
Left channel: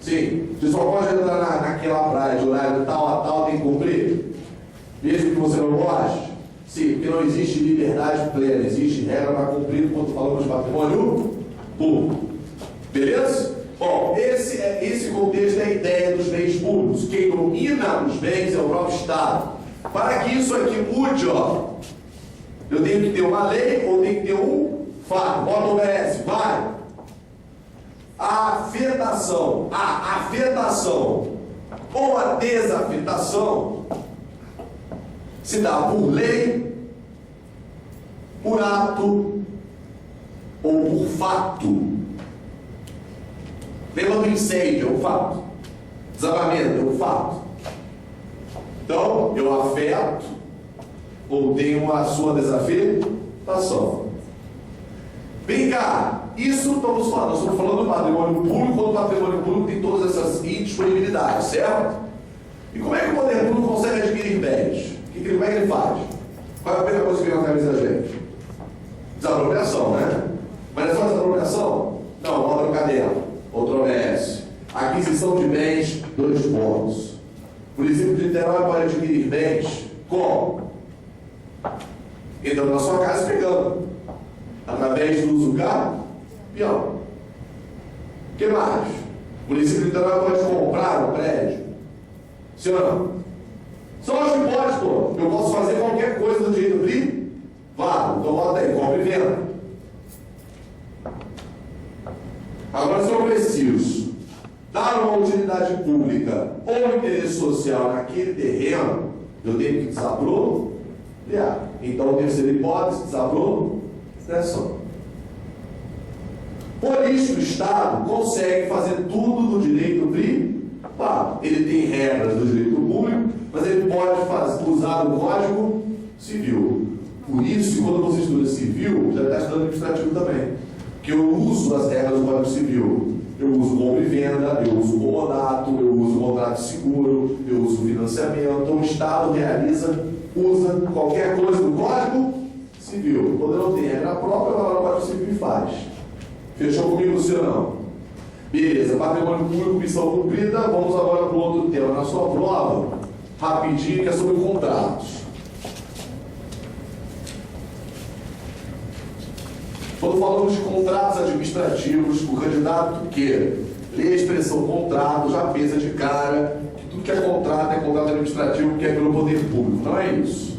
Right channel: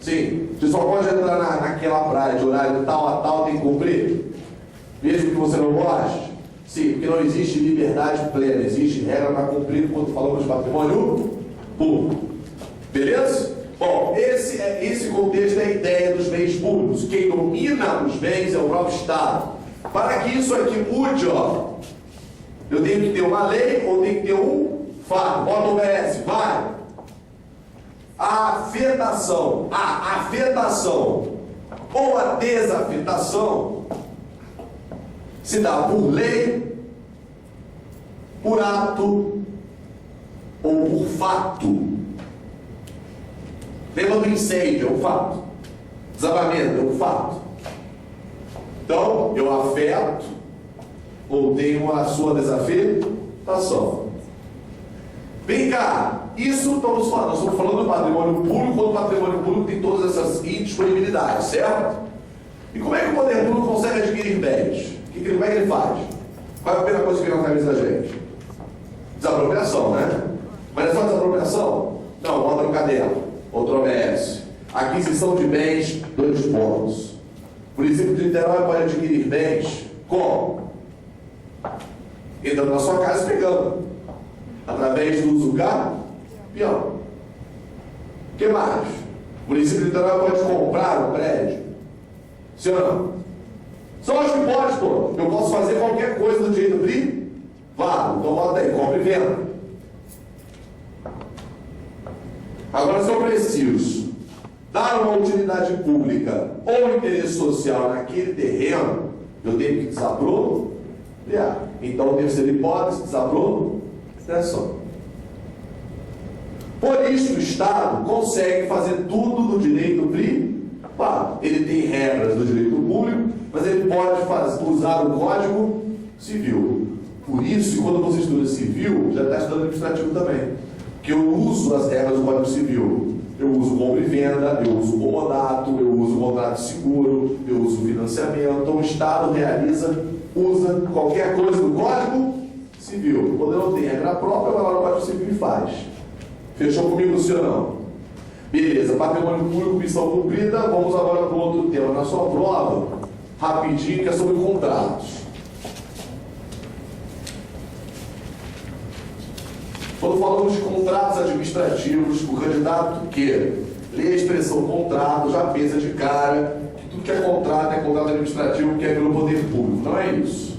Sim. Você só pode entrar naquela praia de horário de tal a tal, tem que cumprir? Mesmo que você não goste? Sim, porque não existe liberdade plena, existe regra para cumprir quando falamos de patrimônio público. Beleza? Bom, esse contexto é a ideia dos bens públicos. Quem domina os bens é o próprio Estado. Para que isso aqui mude, eu tenho que ter uma lei ou tenho que ter um fato. Bota o OBS, vai. A afetação ou a desafetação se dá por lei, por ato ou por fato. Lembra do incêndio, é um fato. Desabamento, é um fato. Então, eu afeto ou tenho a sua desafetação. Vem cá. Isso nós estamos falando do patrimônio público, quando o patrimônio público tem todas essas indisponibilidades, certo? E como é que o poder público consegue adquirir bens? Como é que ele faz? Qual é a primeira coisa que vem na cabeça da gente? Desapropriação, né? Mas é só desapropriação? Não, bota no caderno. Outro OBS. Aquisição de bens, 2 pontos. O município de Niterói pode adquirir bens como? Entrando na sua casa e pegando. Através do uso cambial. O que mais? O município de Niterói pode comprar um prédio? Sim ou não? Só os que pode, pô. Eu posso fazer qualquer coisa do direito privado. Então bota aí, compra e venda. Agora, se eu preciso dar uma utilidade pública ou interesse social naquele terreno, eu tenho que desapropriar. Então, terceira hipótese, desapropriação. Por isso, o Estado consegue fazer tudo no direito privado. Ele tem regras do direito público, mas ele pode usar o Código Civil. Por isso, quando você estuda civil, já está estudando administrativo também. Que eu uso as regras do Código Civil. Eu uso compra e venda, eu uso comodato, eu uso contrato de seguro, eu uso financiamento. Então, o Estado usa qualquer coisa do Código Civil. Quando eu não tenho regra própria, vai lá no Código Civil e faz. Fechou comigo, sim ou não? Beleza, patrimônio público, missão cumprida. Vamos agora para o outro tema na sua prova, rapidinho, que é sobre contratos. Quando falamos de contratos administrativos, o candidato que lê a expressão contrato já pensa de cara que tudo que é contrato administrativo que é pelo poder público. Não é isso.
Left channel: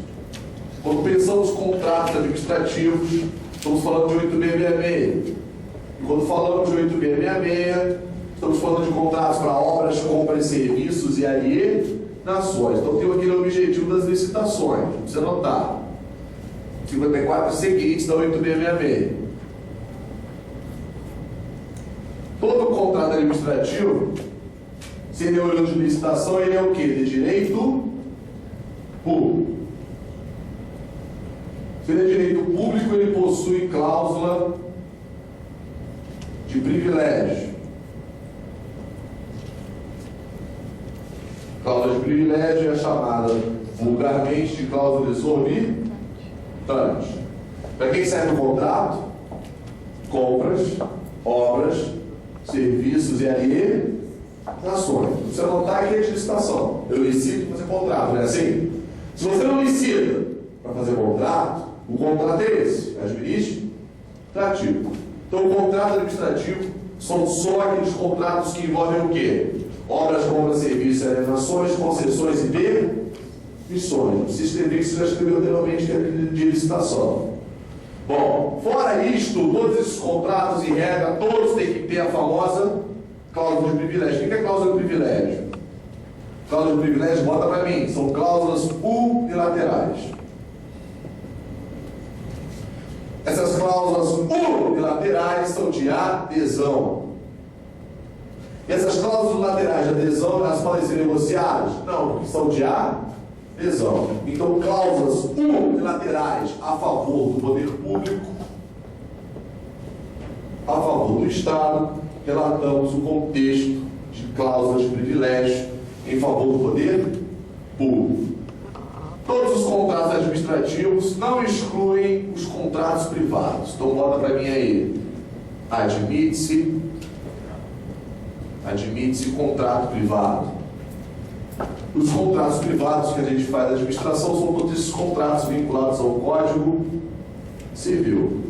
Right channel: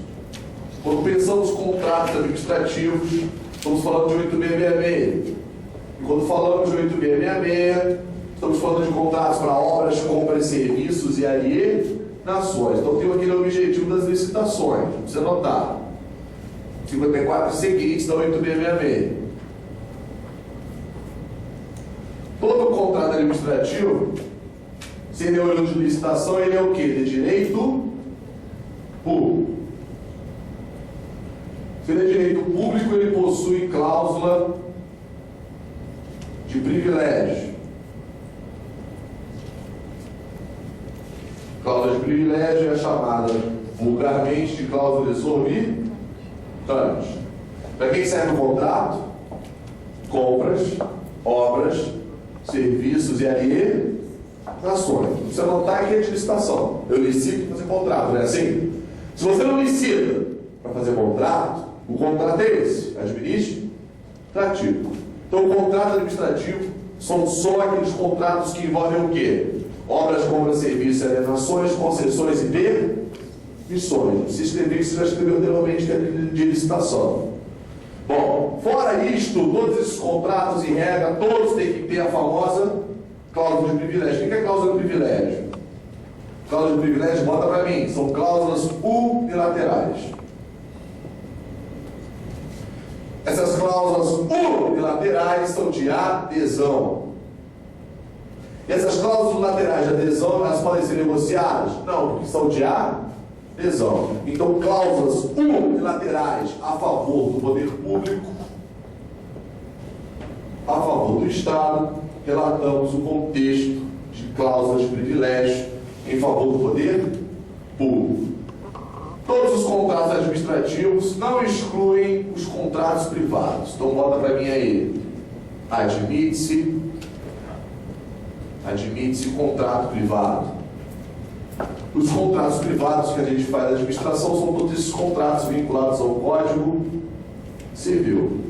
Quando pensamos contratos administrativos, estamos falando de 8666. E quando falamos de 8666, estamos falando de contratos para obras, compras, serviços e alienações. Então tem aquele objetivo das licitações. Não precisa anotar. 54 seguintes da 8666. Todo contrato administrativo, se ele é um de licitação, ele é o quê? De direito público. Se ele é direito público, ele possui cláusula de privilégio. Cláusula de privilégio é chamada vulgarmente de cláusula exorbitante. Para quem serve o contrato? Compras, obras, serviços e alienações. Você notar que é de licitação. Eu licito para fazer contrato, não é assim? Se você não licita para fazer contrato, o contrato é esse, administrativo. Então o contrato administrativo são só aqueles contratos que envolvem o quê? Obras, compras, serviços, alienações, concessões e permissões. Não precisa escrever que você já escreveu anteriormente que é de licitação. Bom, fora isto, todos esses contratos e regra, todos têm que ter a famosa cláusula de privilégio. O que é cláusula de privilégio? Cláusula de privilégio, bota para mim, são cláusulas unilaterais. Essas cláusulas unilaterais são de adesão. E essas cláusulas laterais de adesão, elas podem ser negociadas? Não, porque são de adesão. Então, cláusulas unilaterais a favor do poder público, a favor do Estado, relatamos o contexto de cláusulas de privilégio em favor do poder público. Todos os contratos administrativos não excluem os contratos privados. Então, bota para mim aí. Admite-se contrato privado. Os contratos privados que a gente faz da administração são todos esses contratos vinculados ao Código Civil.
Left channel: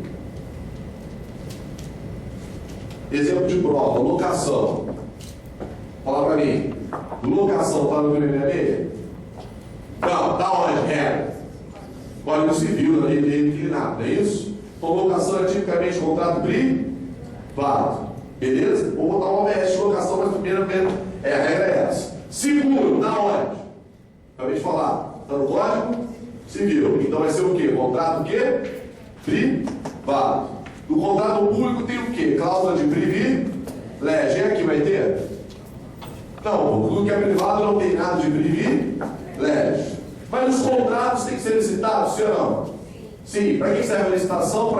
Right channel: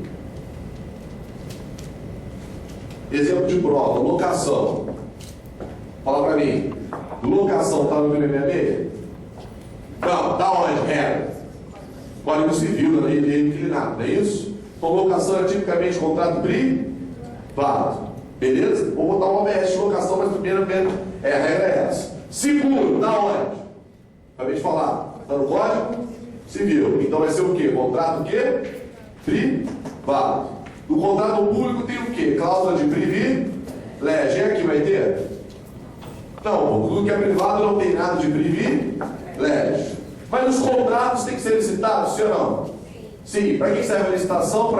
Exemplo de prova, locação. Fala para mim. Locação está no 8666? Não, está onde? Código Civil, na lei inclinada, não é isso? Então, locação é tipicamente contrato privado. Beleza? Vou botar uma OBS de locação, mas primeiro a regra é essa. Seguro, está onde? Acabei de falar. Está no Código Civil. Então vai ser o quê? Contrato o quê? Privado. No contrato público tem o quê? Cláusula de privilégio. É aqui vai ter? Não, tudo que é privado não tem nada de privilégio. Mas os contratos têm que ser licitados, sim ou não? Sim. Para que serve a licitação?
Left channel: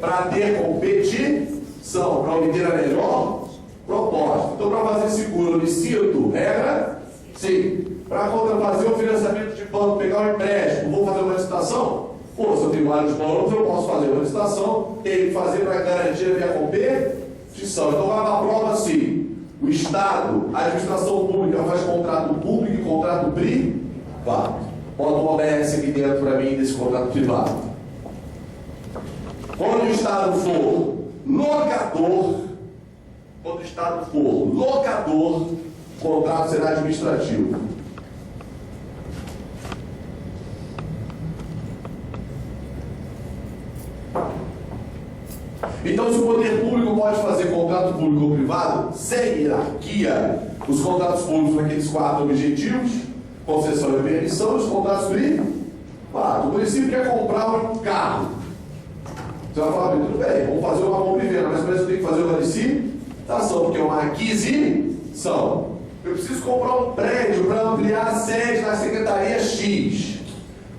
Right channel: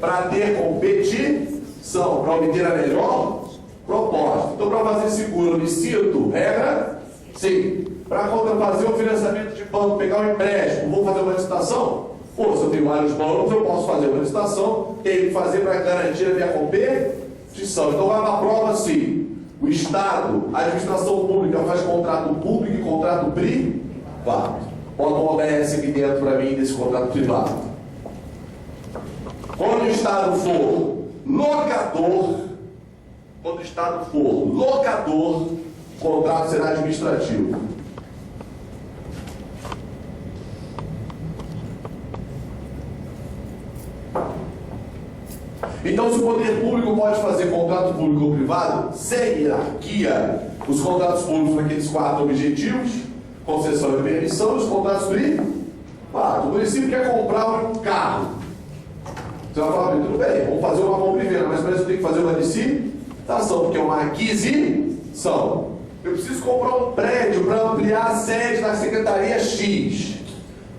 Para ter competição, para obter a melhor proposta. Então, para fazer seguro, eu licito, regra? Sim. Para fazer um financiamento de banco, pegar um empréstimo, vou fazer uma licitação? Pô, se eu tenho vários bancos, eu posso fazer uma licitação, tenho que fazer para garantir a minha competição. Então, vai na prova sim. O Estado, a administração pública faz contrato público e contrato privado. Bota um OBS aqui dentro para mim desse contrato privado. Quando o Estado for locador, o contrato será administrativo. Então, se o poder público pode fazer contrato público ou privado, sem hierarquia, os contratos públicos para aqueles 4 objetivos, concessão e permissão, os contratos privados. O município quer comprar um carro. Você vai falar, tudo bem, vamos fazer uma compra e venda, mas parece que eu tenho que fazer uma licitação, porque é uma aquisição. Eu preciso comprar um prédio para ampliar a sede da Secretaria X.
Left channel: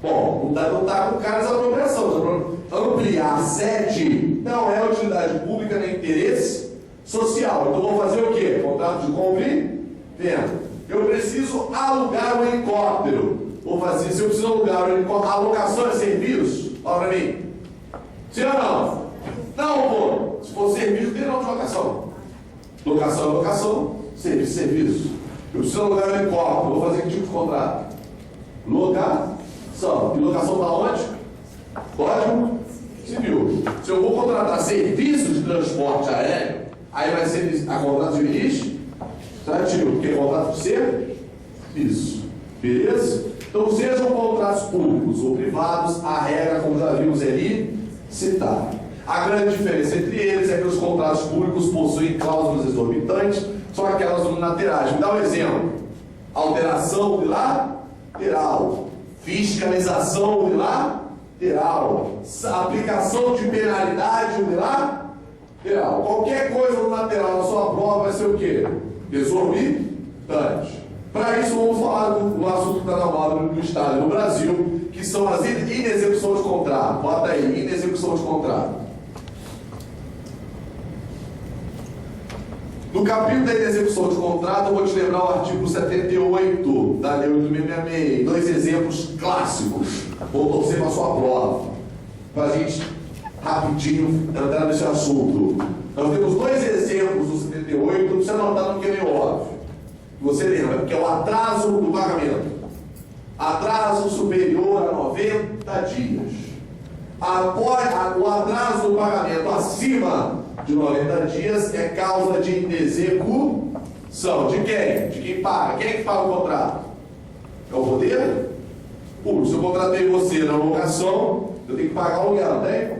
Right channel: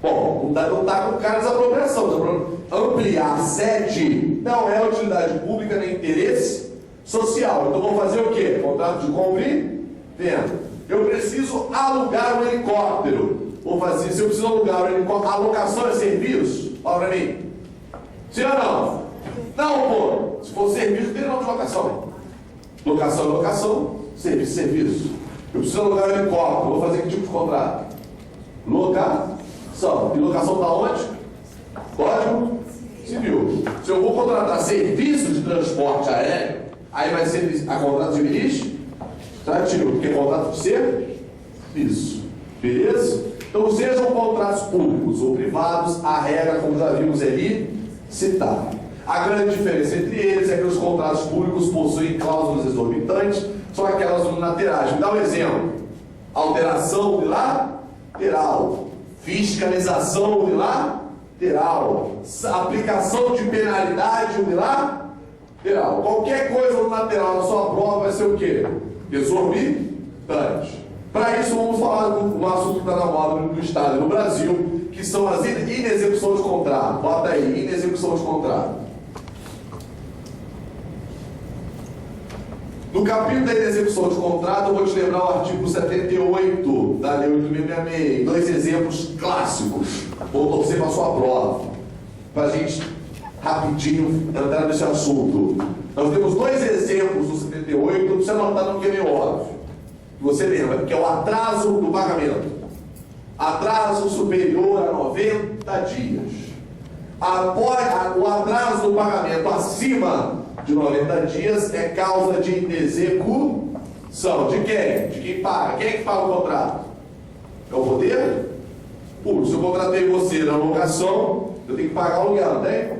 Bom, não está com cara de desapropriação. Ampliar a sede não é utilidade pública nem interesse social. Então vou fazer o quê? Contrato de compra e venda. Eu preciso alugar um helicóptero. Vou fazer, se eu preciso alugar um helicóptero, a alocação é serviço? Fala para mim. Sim ou não? Não, pô. Se for serviço, tem não de locação. Locação é locação, serviço é serviço. Eu preciso alugar um helicóptero. Vou fazer que tipo de contrato? Locação. E locação está onde? Código Civil. Se eu vou contratar serviço de transporte aéreo, aí vai ser a contrato administrativo, porque é contrato de serviço. Beleza? Então, sejam contratos públicos ou privados, a regra, como já vimos ali, citada. A grande diferença entre eles é que os contratos públicos possuem cláusulas exorbitantes, são aquelas unilaterais. Me dá um exemplo. Alteração unilateral. Fiscalização unilateral. Aplicação de penalidade unilateral. Qualquer coisa unilateral na sua prova vai ser o quê? Exorbitante. Para isso, vamos falar do assunto que está na moda do Estado no Brasil, que são as inexecuções de contrato. Bota aí, inexecução de contrato. No capítulo da inexecução de contrato, eu vou te lembrar o artigo 78 da Lei 8.666. Dois exemplos clássicos. Vou torcer para a sua prova, para a gente rapidinho entrar nesse assunto. Nós temos dois exemplos do 78, não precisa anotar não, porque é meio óbvio. Você lembra, que é o atraso do pagamento. Atraso superior a 90 dias. O atraso do pagamento acima de 90 dias é causa de inexecução. De quem? De quem paga. Quem é que paga o contrato? É o poder público. Se eu contratei você na locação, eu tenho que pagar o aluguel, não tem?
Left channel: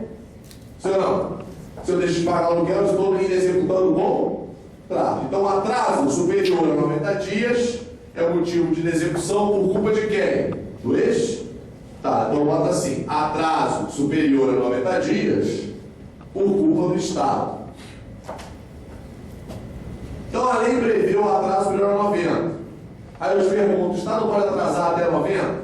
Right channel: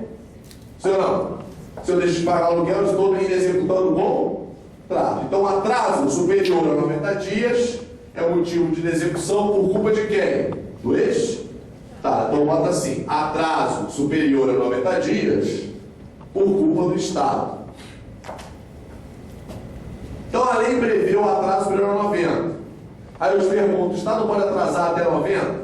Se eu não. Se eu deixo de pagar o aluguel, eu estou inexecutando o contrato. Então, atraso superior a 90 dias é o motivo de inexecução por culpa de quem? Do Estado. Então, bota assim: atraso superior a 90 dias por culpa do Estado. Então, a lei prevê o atraso superior a 90. Aí eu te pergunto: o Estado pode atrasar até 90?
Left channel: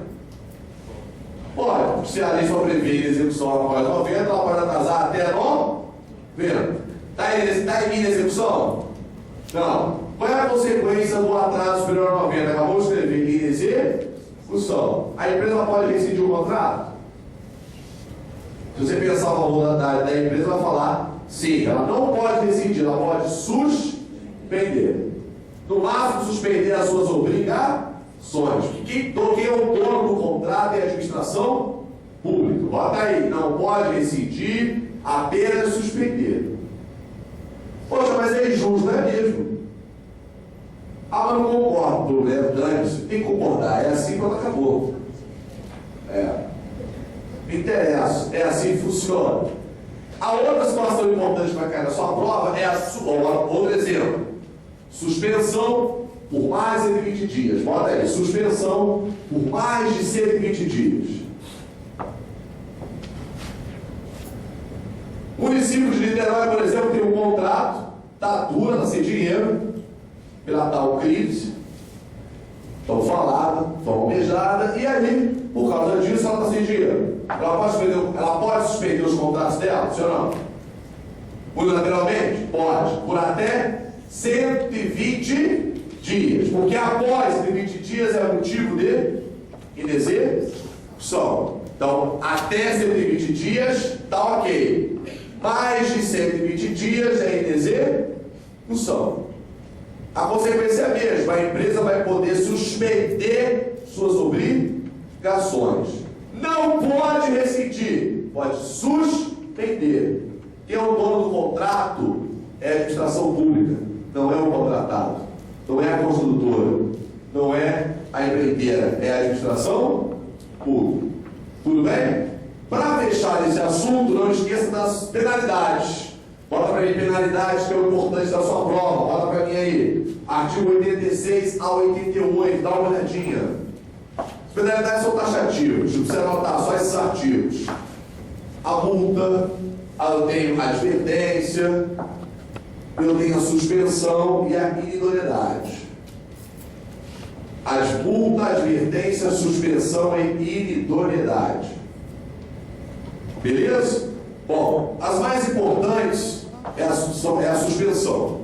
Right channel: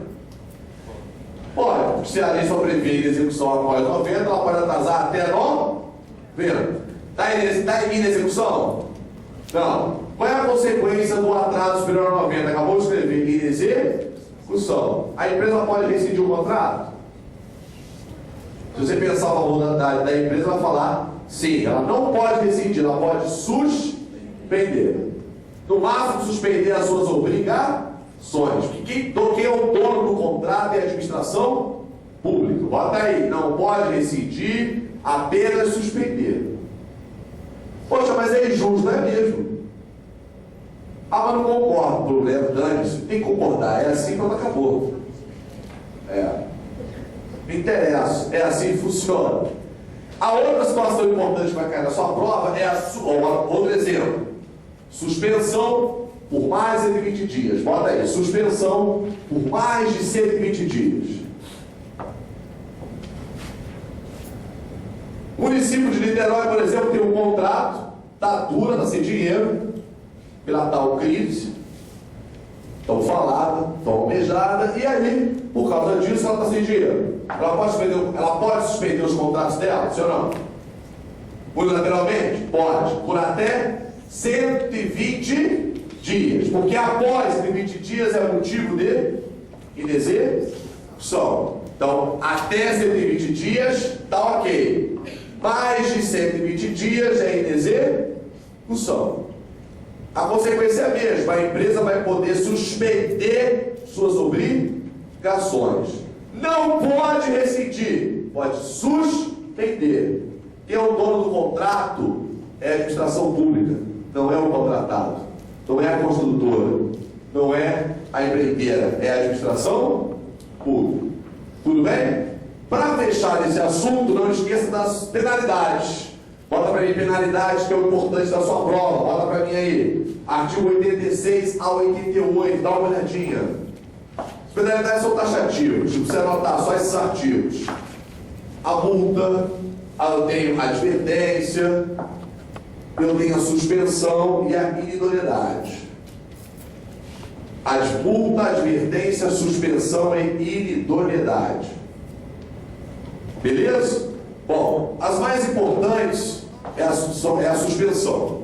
Pode. Se a lei só prevê execução após 90, ela pode atrasar até 90. Está em inexecução? Não. Qual é a consequência do atraso superior a 90? Acabou de escrever inexecução. A empresa pode rescindir o contrato? Se você pensar o valor da empresa, vai falar sim, ela não pode rescindir, ela pode suspender. No máximo, suspender as suas obrigações. Quem é o dono do contrato é a administração pública. Bota aí, não pode rescindir, apenas suspender. Poxa, mas é injusto, não é mesmo? Ah, mas não concordo, problema, dane-se. Tem que concordar, é assim, pronto, acabou. Me interessa, é assim que funciona. A outra situação importante para cair na sua prova é outro exemplo: suspensão por mais de 120 dias. Bota aí, suspensão por mais de 120 dias. O município de Niterói, por exemplo, tem um contrato, está dura, está sem dinheiro, pela tal crise, tão falada, tão almejada, e aí, por causa disso, ela está sem dinheiro. Ela pode suspender os contratos dela, sim ou não? Unilateralmente? Pode. Por até 120 dias. Porque após 120 dias é motivo de inexecução. Então, até 120 dias, está ok. Mais de 120 dias é inexecução. A consequência é a mesma: a empresa vai poder suspender suas obrigações. Não pode rescindir, pode suspender. Quem é o dono do contrato é a administração pública, não é o contratado, não é a construtora, não é a empreiteira, é a administração pública. Tudo bem? Para fechar esse assunto, não esqueça das penalidades. Bota para mim penalidades, que é o importante da sua prova. Bota para mim aí. Artigo 86 a 88. Dá uma olhadinha. As penalidades são taxativas. Não precisa anotar só esses artigos. A multa, eu tenho a advertência, eu tenho a suspensão e a inidoneidade. A multa, a advertência, a suspensão e inidoneidade. Beleza? Bom, as mais importantes é a suspensão.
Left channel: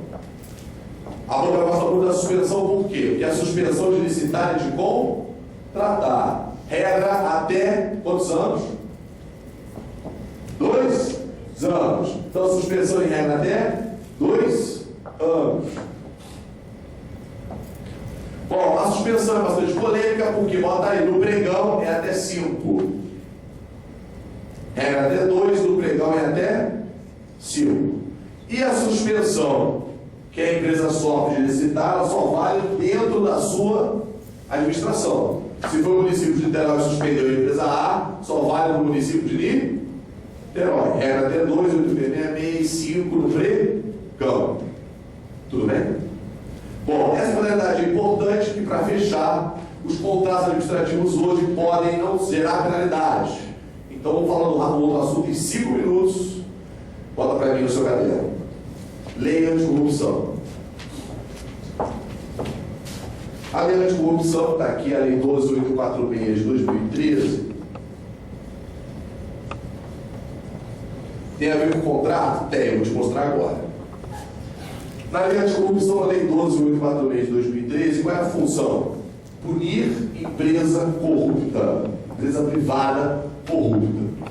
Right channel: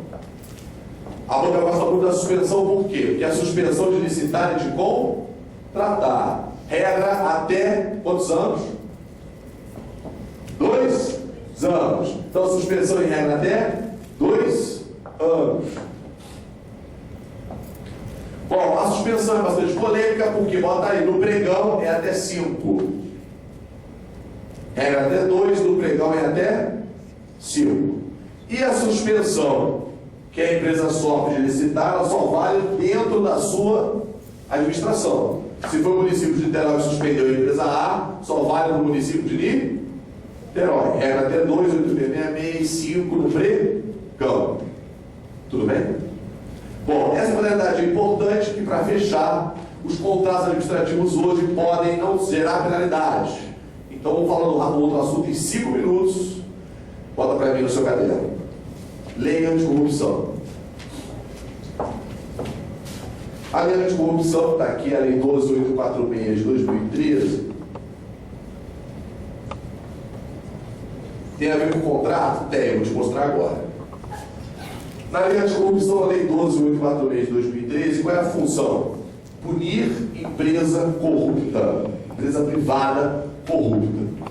A outra gosta da suspensão por quê? Porque a suspensão de licitar e de contratar. Regra até quantos anos? 2 anos. Então, suspensão em regra até 2 anos. Bom, a suspensão é bastante polêmica, porque bota aí no pregão é até 5. Regra até 2, no pregão é até 5. E a suspensão que a empresa sofre de licitar, ela só vale dentro da sua administração. Se for o município de Niterói que suspendeu a empresa A, só vale no município de Niterói. Regra até 2, 866 e 5 no pregão. Tudo bem? Bom, essa modalidade é importante que, para fechar, os contratos administrativos hoje podem não gerar penalidade. Então, vamos falar do outro assunto em 5 minutos. Bota para mim no seu caderno. Lei anticorrupção. A lei anticorrupção está aqui, a lei 12.846 de 2013. Tem a ver com o contrato? Tem, vou te mostrar agora. Na lei anticorrupção, a lei 12.846 de 2013, qual é a função? Punir empresa corrupta, empresa privada corrupta.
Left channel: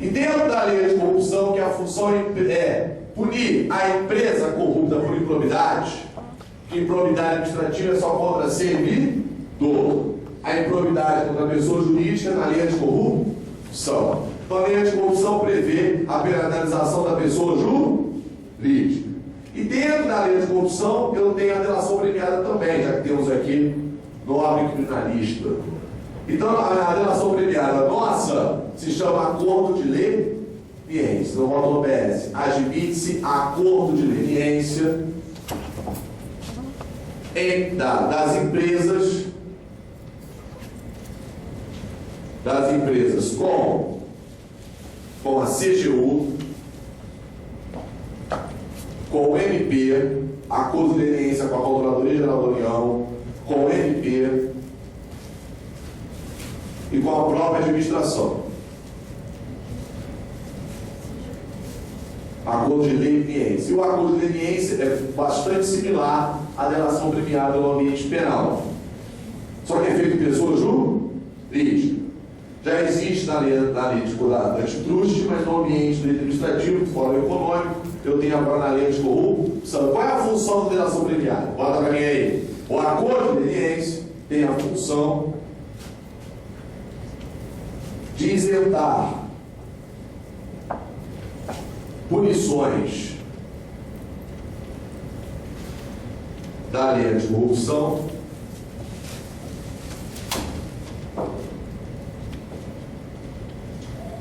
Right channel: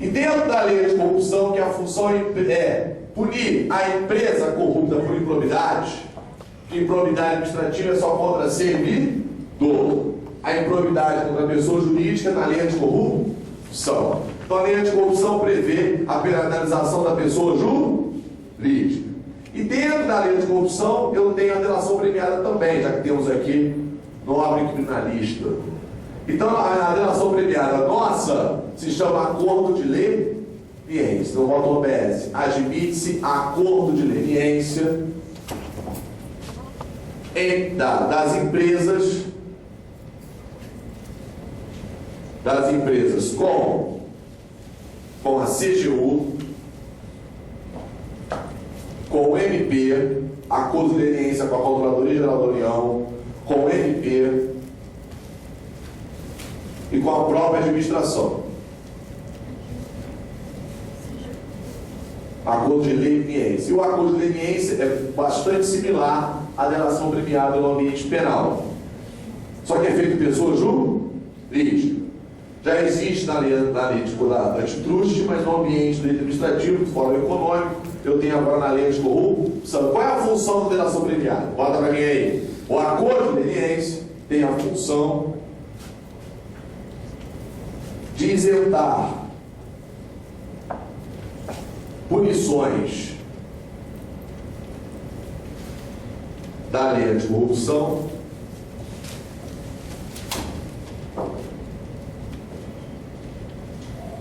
E dentro da lei anticorrupção, que a função é punir a empresa corrupta por improbidade, que improbidade administrativa é só contra servidor. A improbidade contra a pessoa jurídica na lei anticorrupção. Então a lei anticorrupção prevê a penalização da pessoa jurídica. E dentro da lei anticorrupção eu tenho a delação premiada também, já que temos aqui nobre criminalista. Então a delação premiada nossa se chama acordo de leniência. Não volta no OBS. Admite-se acordo de leniência das empresas com a CGU, com o MP, acordo de leniência com a Controladoria Geral da União, com o MP e com a própria administração. Acordo de leniência. E o acordo de leniência é bastante similar à delação premiada no ambiente penal. Só que é feito por pessoa jurídica. Já existe na lei antitruste, mas no ambiente do direito administrativo, do fórum econômico, eu tenho agora na lei anticorrupção. Qual é a função da delação premiada? Bota para mim aí. O acordo de leniência tem a função de isentar punições da lei anticorrupção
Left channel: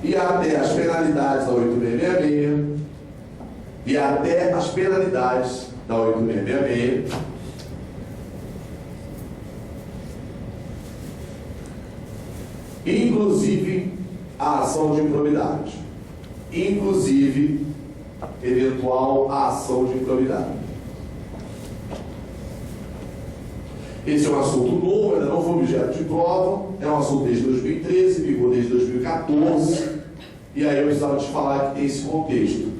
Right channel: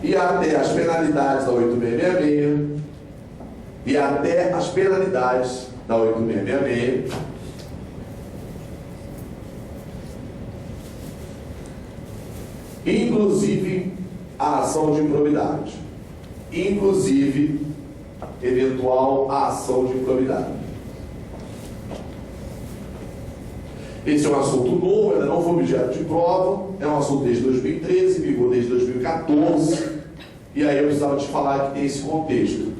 e até as penalidades da 8666 e até as penalidades da 8666 inclusive a ação de improbidade, inclusive eventual ação de improbidade. Esse é um assunto novo, ainda não foi objeto de prova, é um assunto desde 2013, vigor desde 2014, e aí eu precisava te falar que tem esse contexto.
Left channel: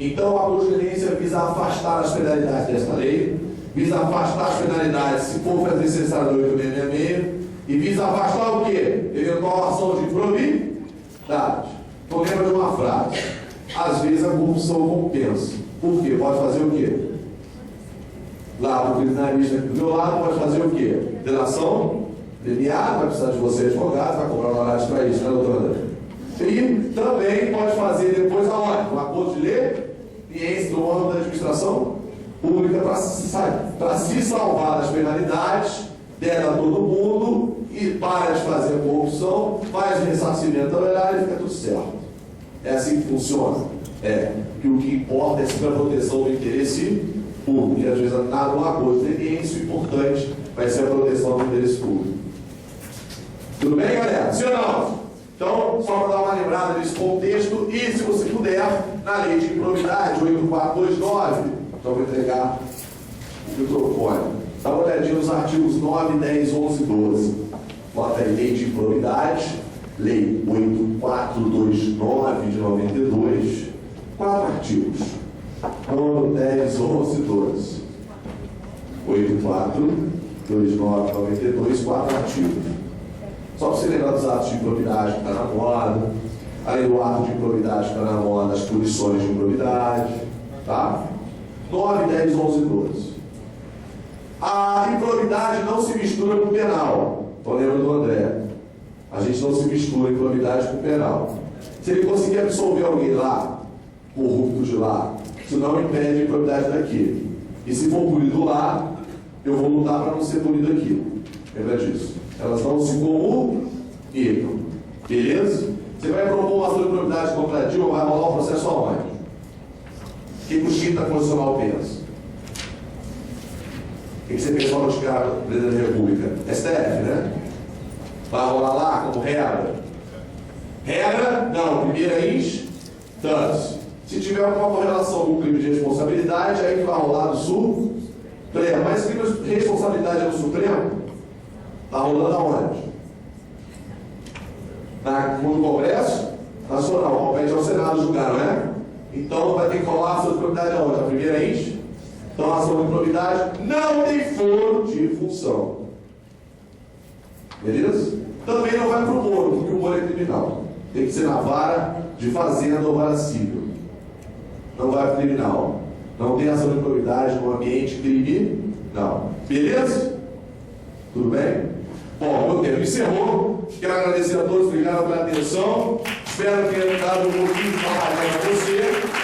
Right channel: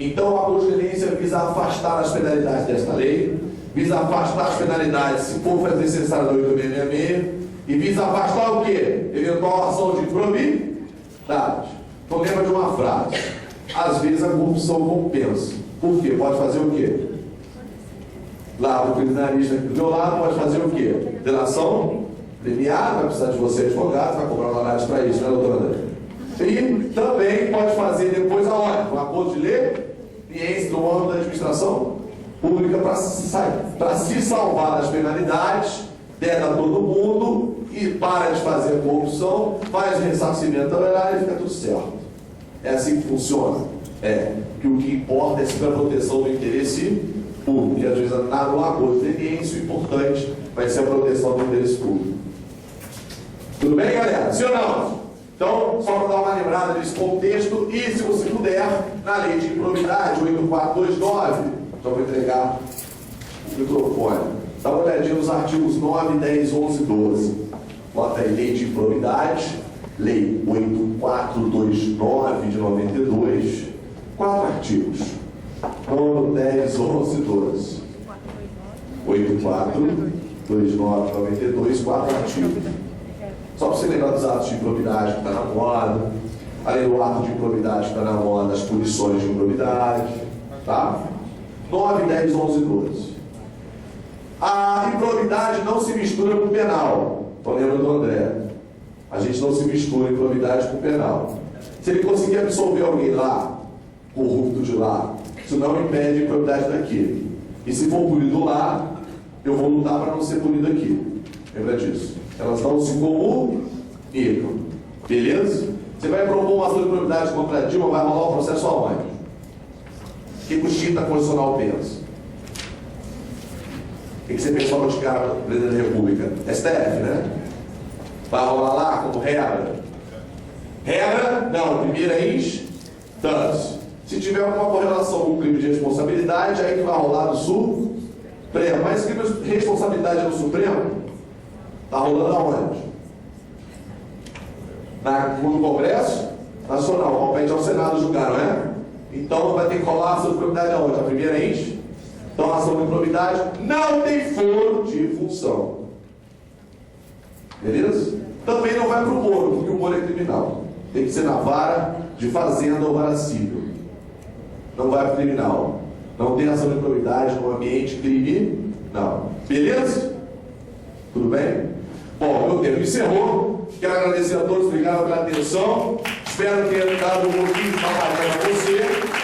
Então, a acordo de leniência visa afastar as penalidades desta lei, visa afastar as penalidades, se for necessário, do 8666, e visa afastar o quê? Eventual ação de improbidade. Então, lembra de uma frase: às vezes a corrupção compensa. Por quê? Pode fazer o quê? Lá, o criminalista aqui do meu lado pode fazer o quê? Delação premiada, vai precisar de você, advogado, vai cobrar honorários para isso, né, doutora André? E também pode fazer depois aonde? Um acordo de leniência do órgão da administração pública para se salvar das penalidades, der a todo mundo e para de fazer a corrupção, faz o ressarcimento da horário e fica tudo certo. É assim que funciona. É que o que importa é sempre a proteção do interesse público. E às vezes nada no acordo de leniência, o importante vai ser a proteção do interesse público. Tudo bem, galera? Sim ou não? Então, só para dar uma lembrada nesse contexto, e se você puder, na lei de improbidade 8429, então vou entregar o microfone. Dá uma olhadinha nos artigos 9, 10, 11 e 12. Bota aí, lei de improbidade, lei 8429 de 92, 4 artigos. 9, 10, 11 e 12. 8429 92, 4 artigos. Só para você lembrar dos atos de improbidade que está na moda, além do ato de improbidade que está na moda, as punições de improbidade, tá? 9, 10, 11 e 12. A improbidade não se mistura com o penal. Então lembra do André. A gente não se mistura improbidade com penal. Se ele conseguir absolver alguém lá, corrupto de lá, isso não impede a improbidade daqui. E se for punido lá, eu vou lutar para não ser punido aqui. Lembra disso? Elas não se comunicam. Beleza? Você vai propor uma ação de improbidade contra a Dilma, vai rolar o processo aonde? O que o Chita Constitucional pensa? O que você pensou no cara presidente da República? STF, né? Vai rolar lá como regra? Regra? Não, primeira instância. Se tiver alguma correlação com o crime de responsabilidade, aí que vai rolar no Supremo. Mas crime de responsabilidade no Supremo está rolando aonde? No Congresso Nacional, compete ao Senado julgar, não é? Então vai ter que rolar a ação de improbidade aonde? A primeira instância. Então a ação de improbidade não tem foro de função. Beleza? Também não vai para o Moro, porque o Moro é criminal. Tem que ser na vara de fazenda ou vara civil. Não vai para o criminal. Não tem ação de improbidade no ambiente criminal. Beleza? Tudo bem? Bom, meu tempo encerrou. Quero agradecer a todos, obrigado pela atenção. Espero ter dado um pouquinho de trabalho para você.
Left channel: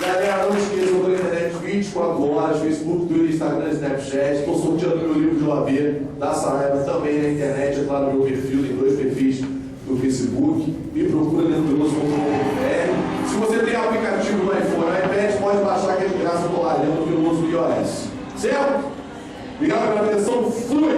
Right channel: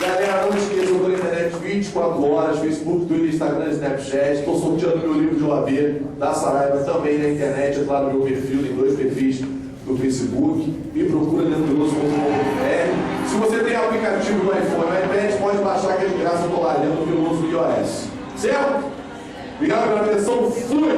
Galera, não esqueçam da internet 24 horas, Facebook, Twitter, Instagram, Snapchat. Estou sorteando meu livro de OAB da Saraiva também na internet, lá no meu perfil, tem 2 perfis no Facebook. Me procura leandroveloso.com.br. Se você tem aplicativo no iPhone ou iPad, pode baixar que é de graça, eu estou lá, Leandro Veloso do iOS. Certo? Obrigado pela atenção. Fui!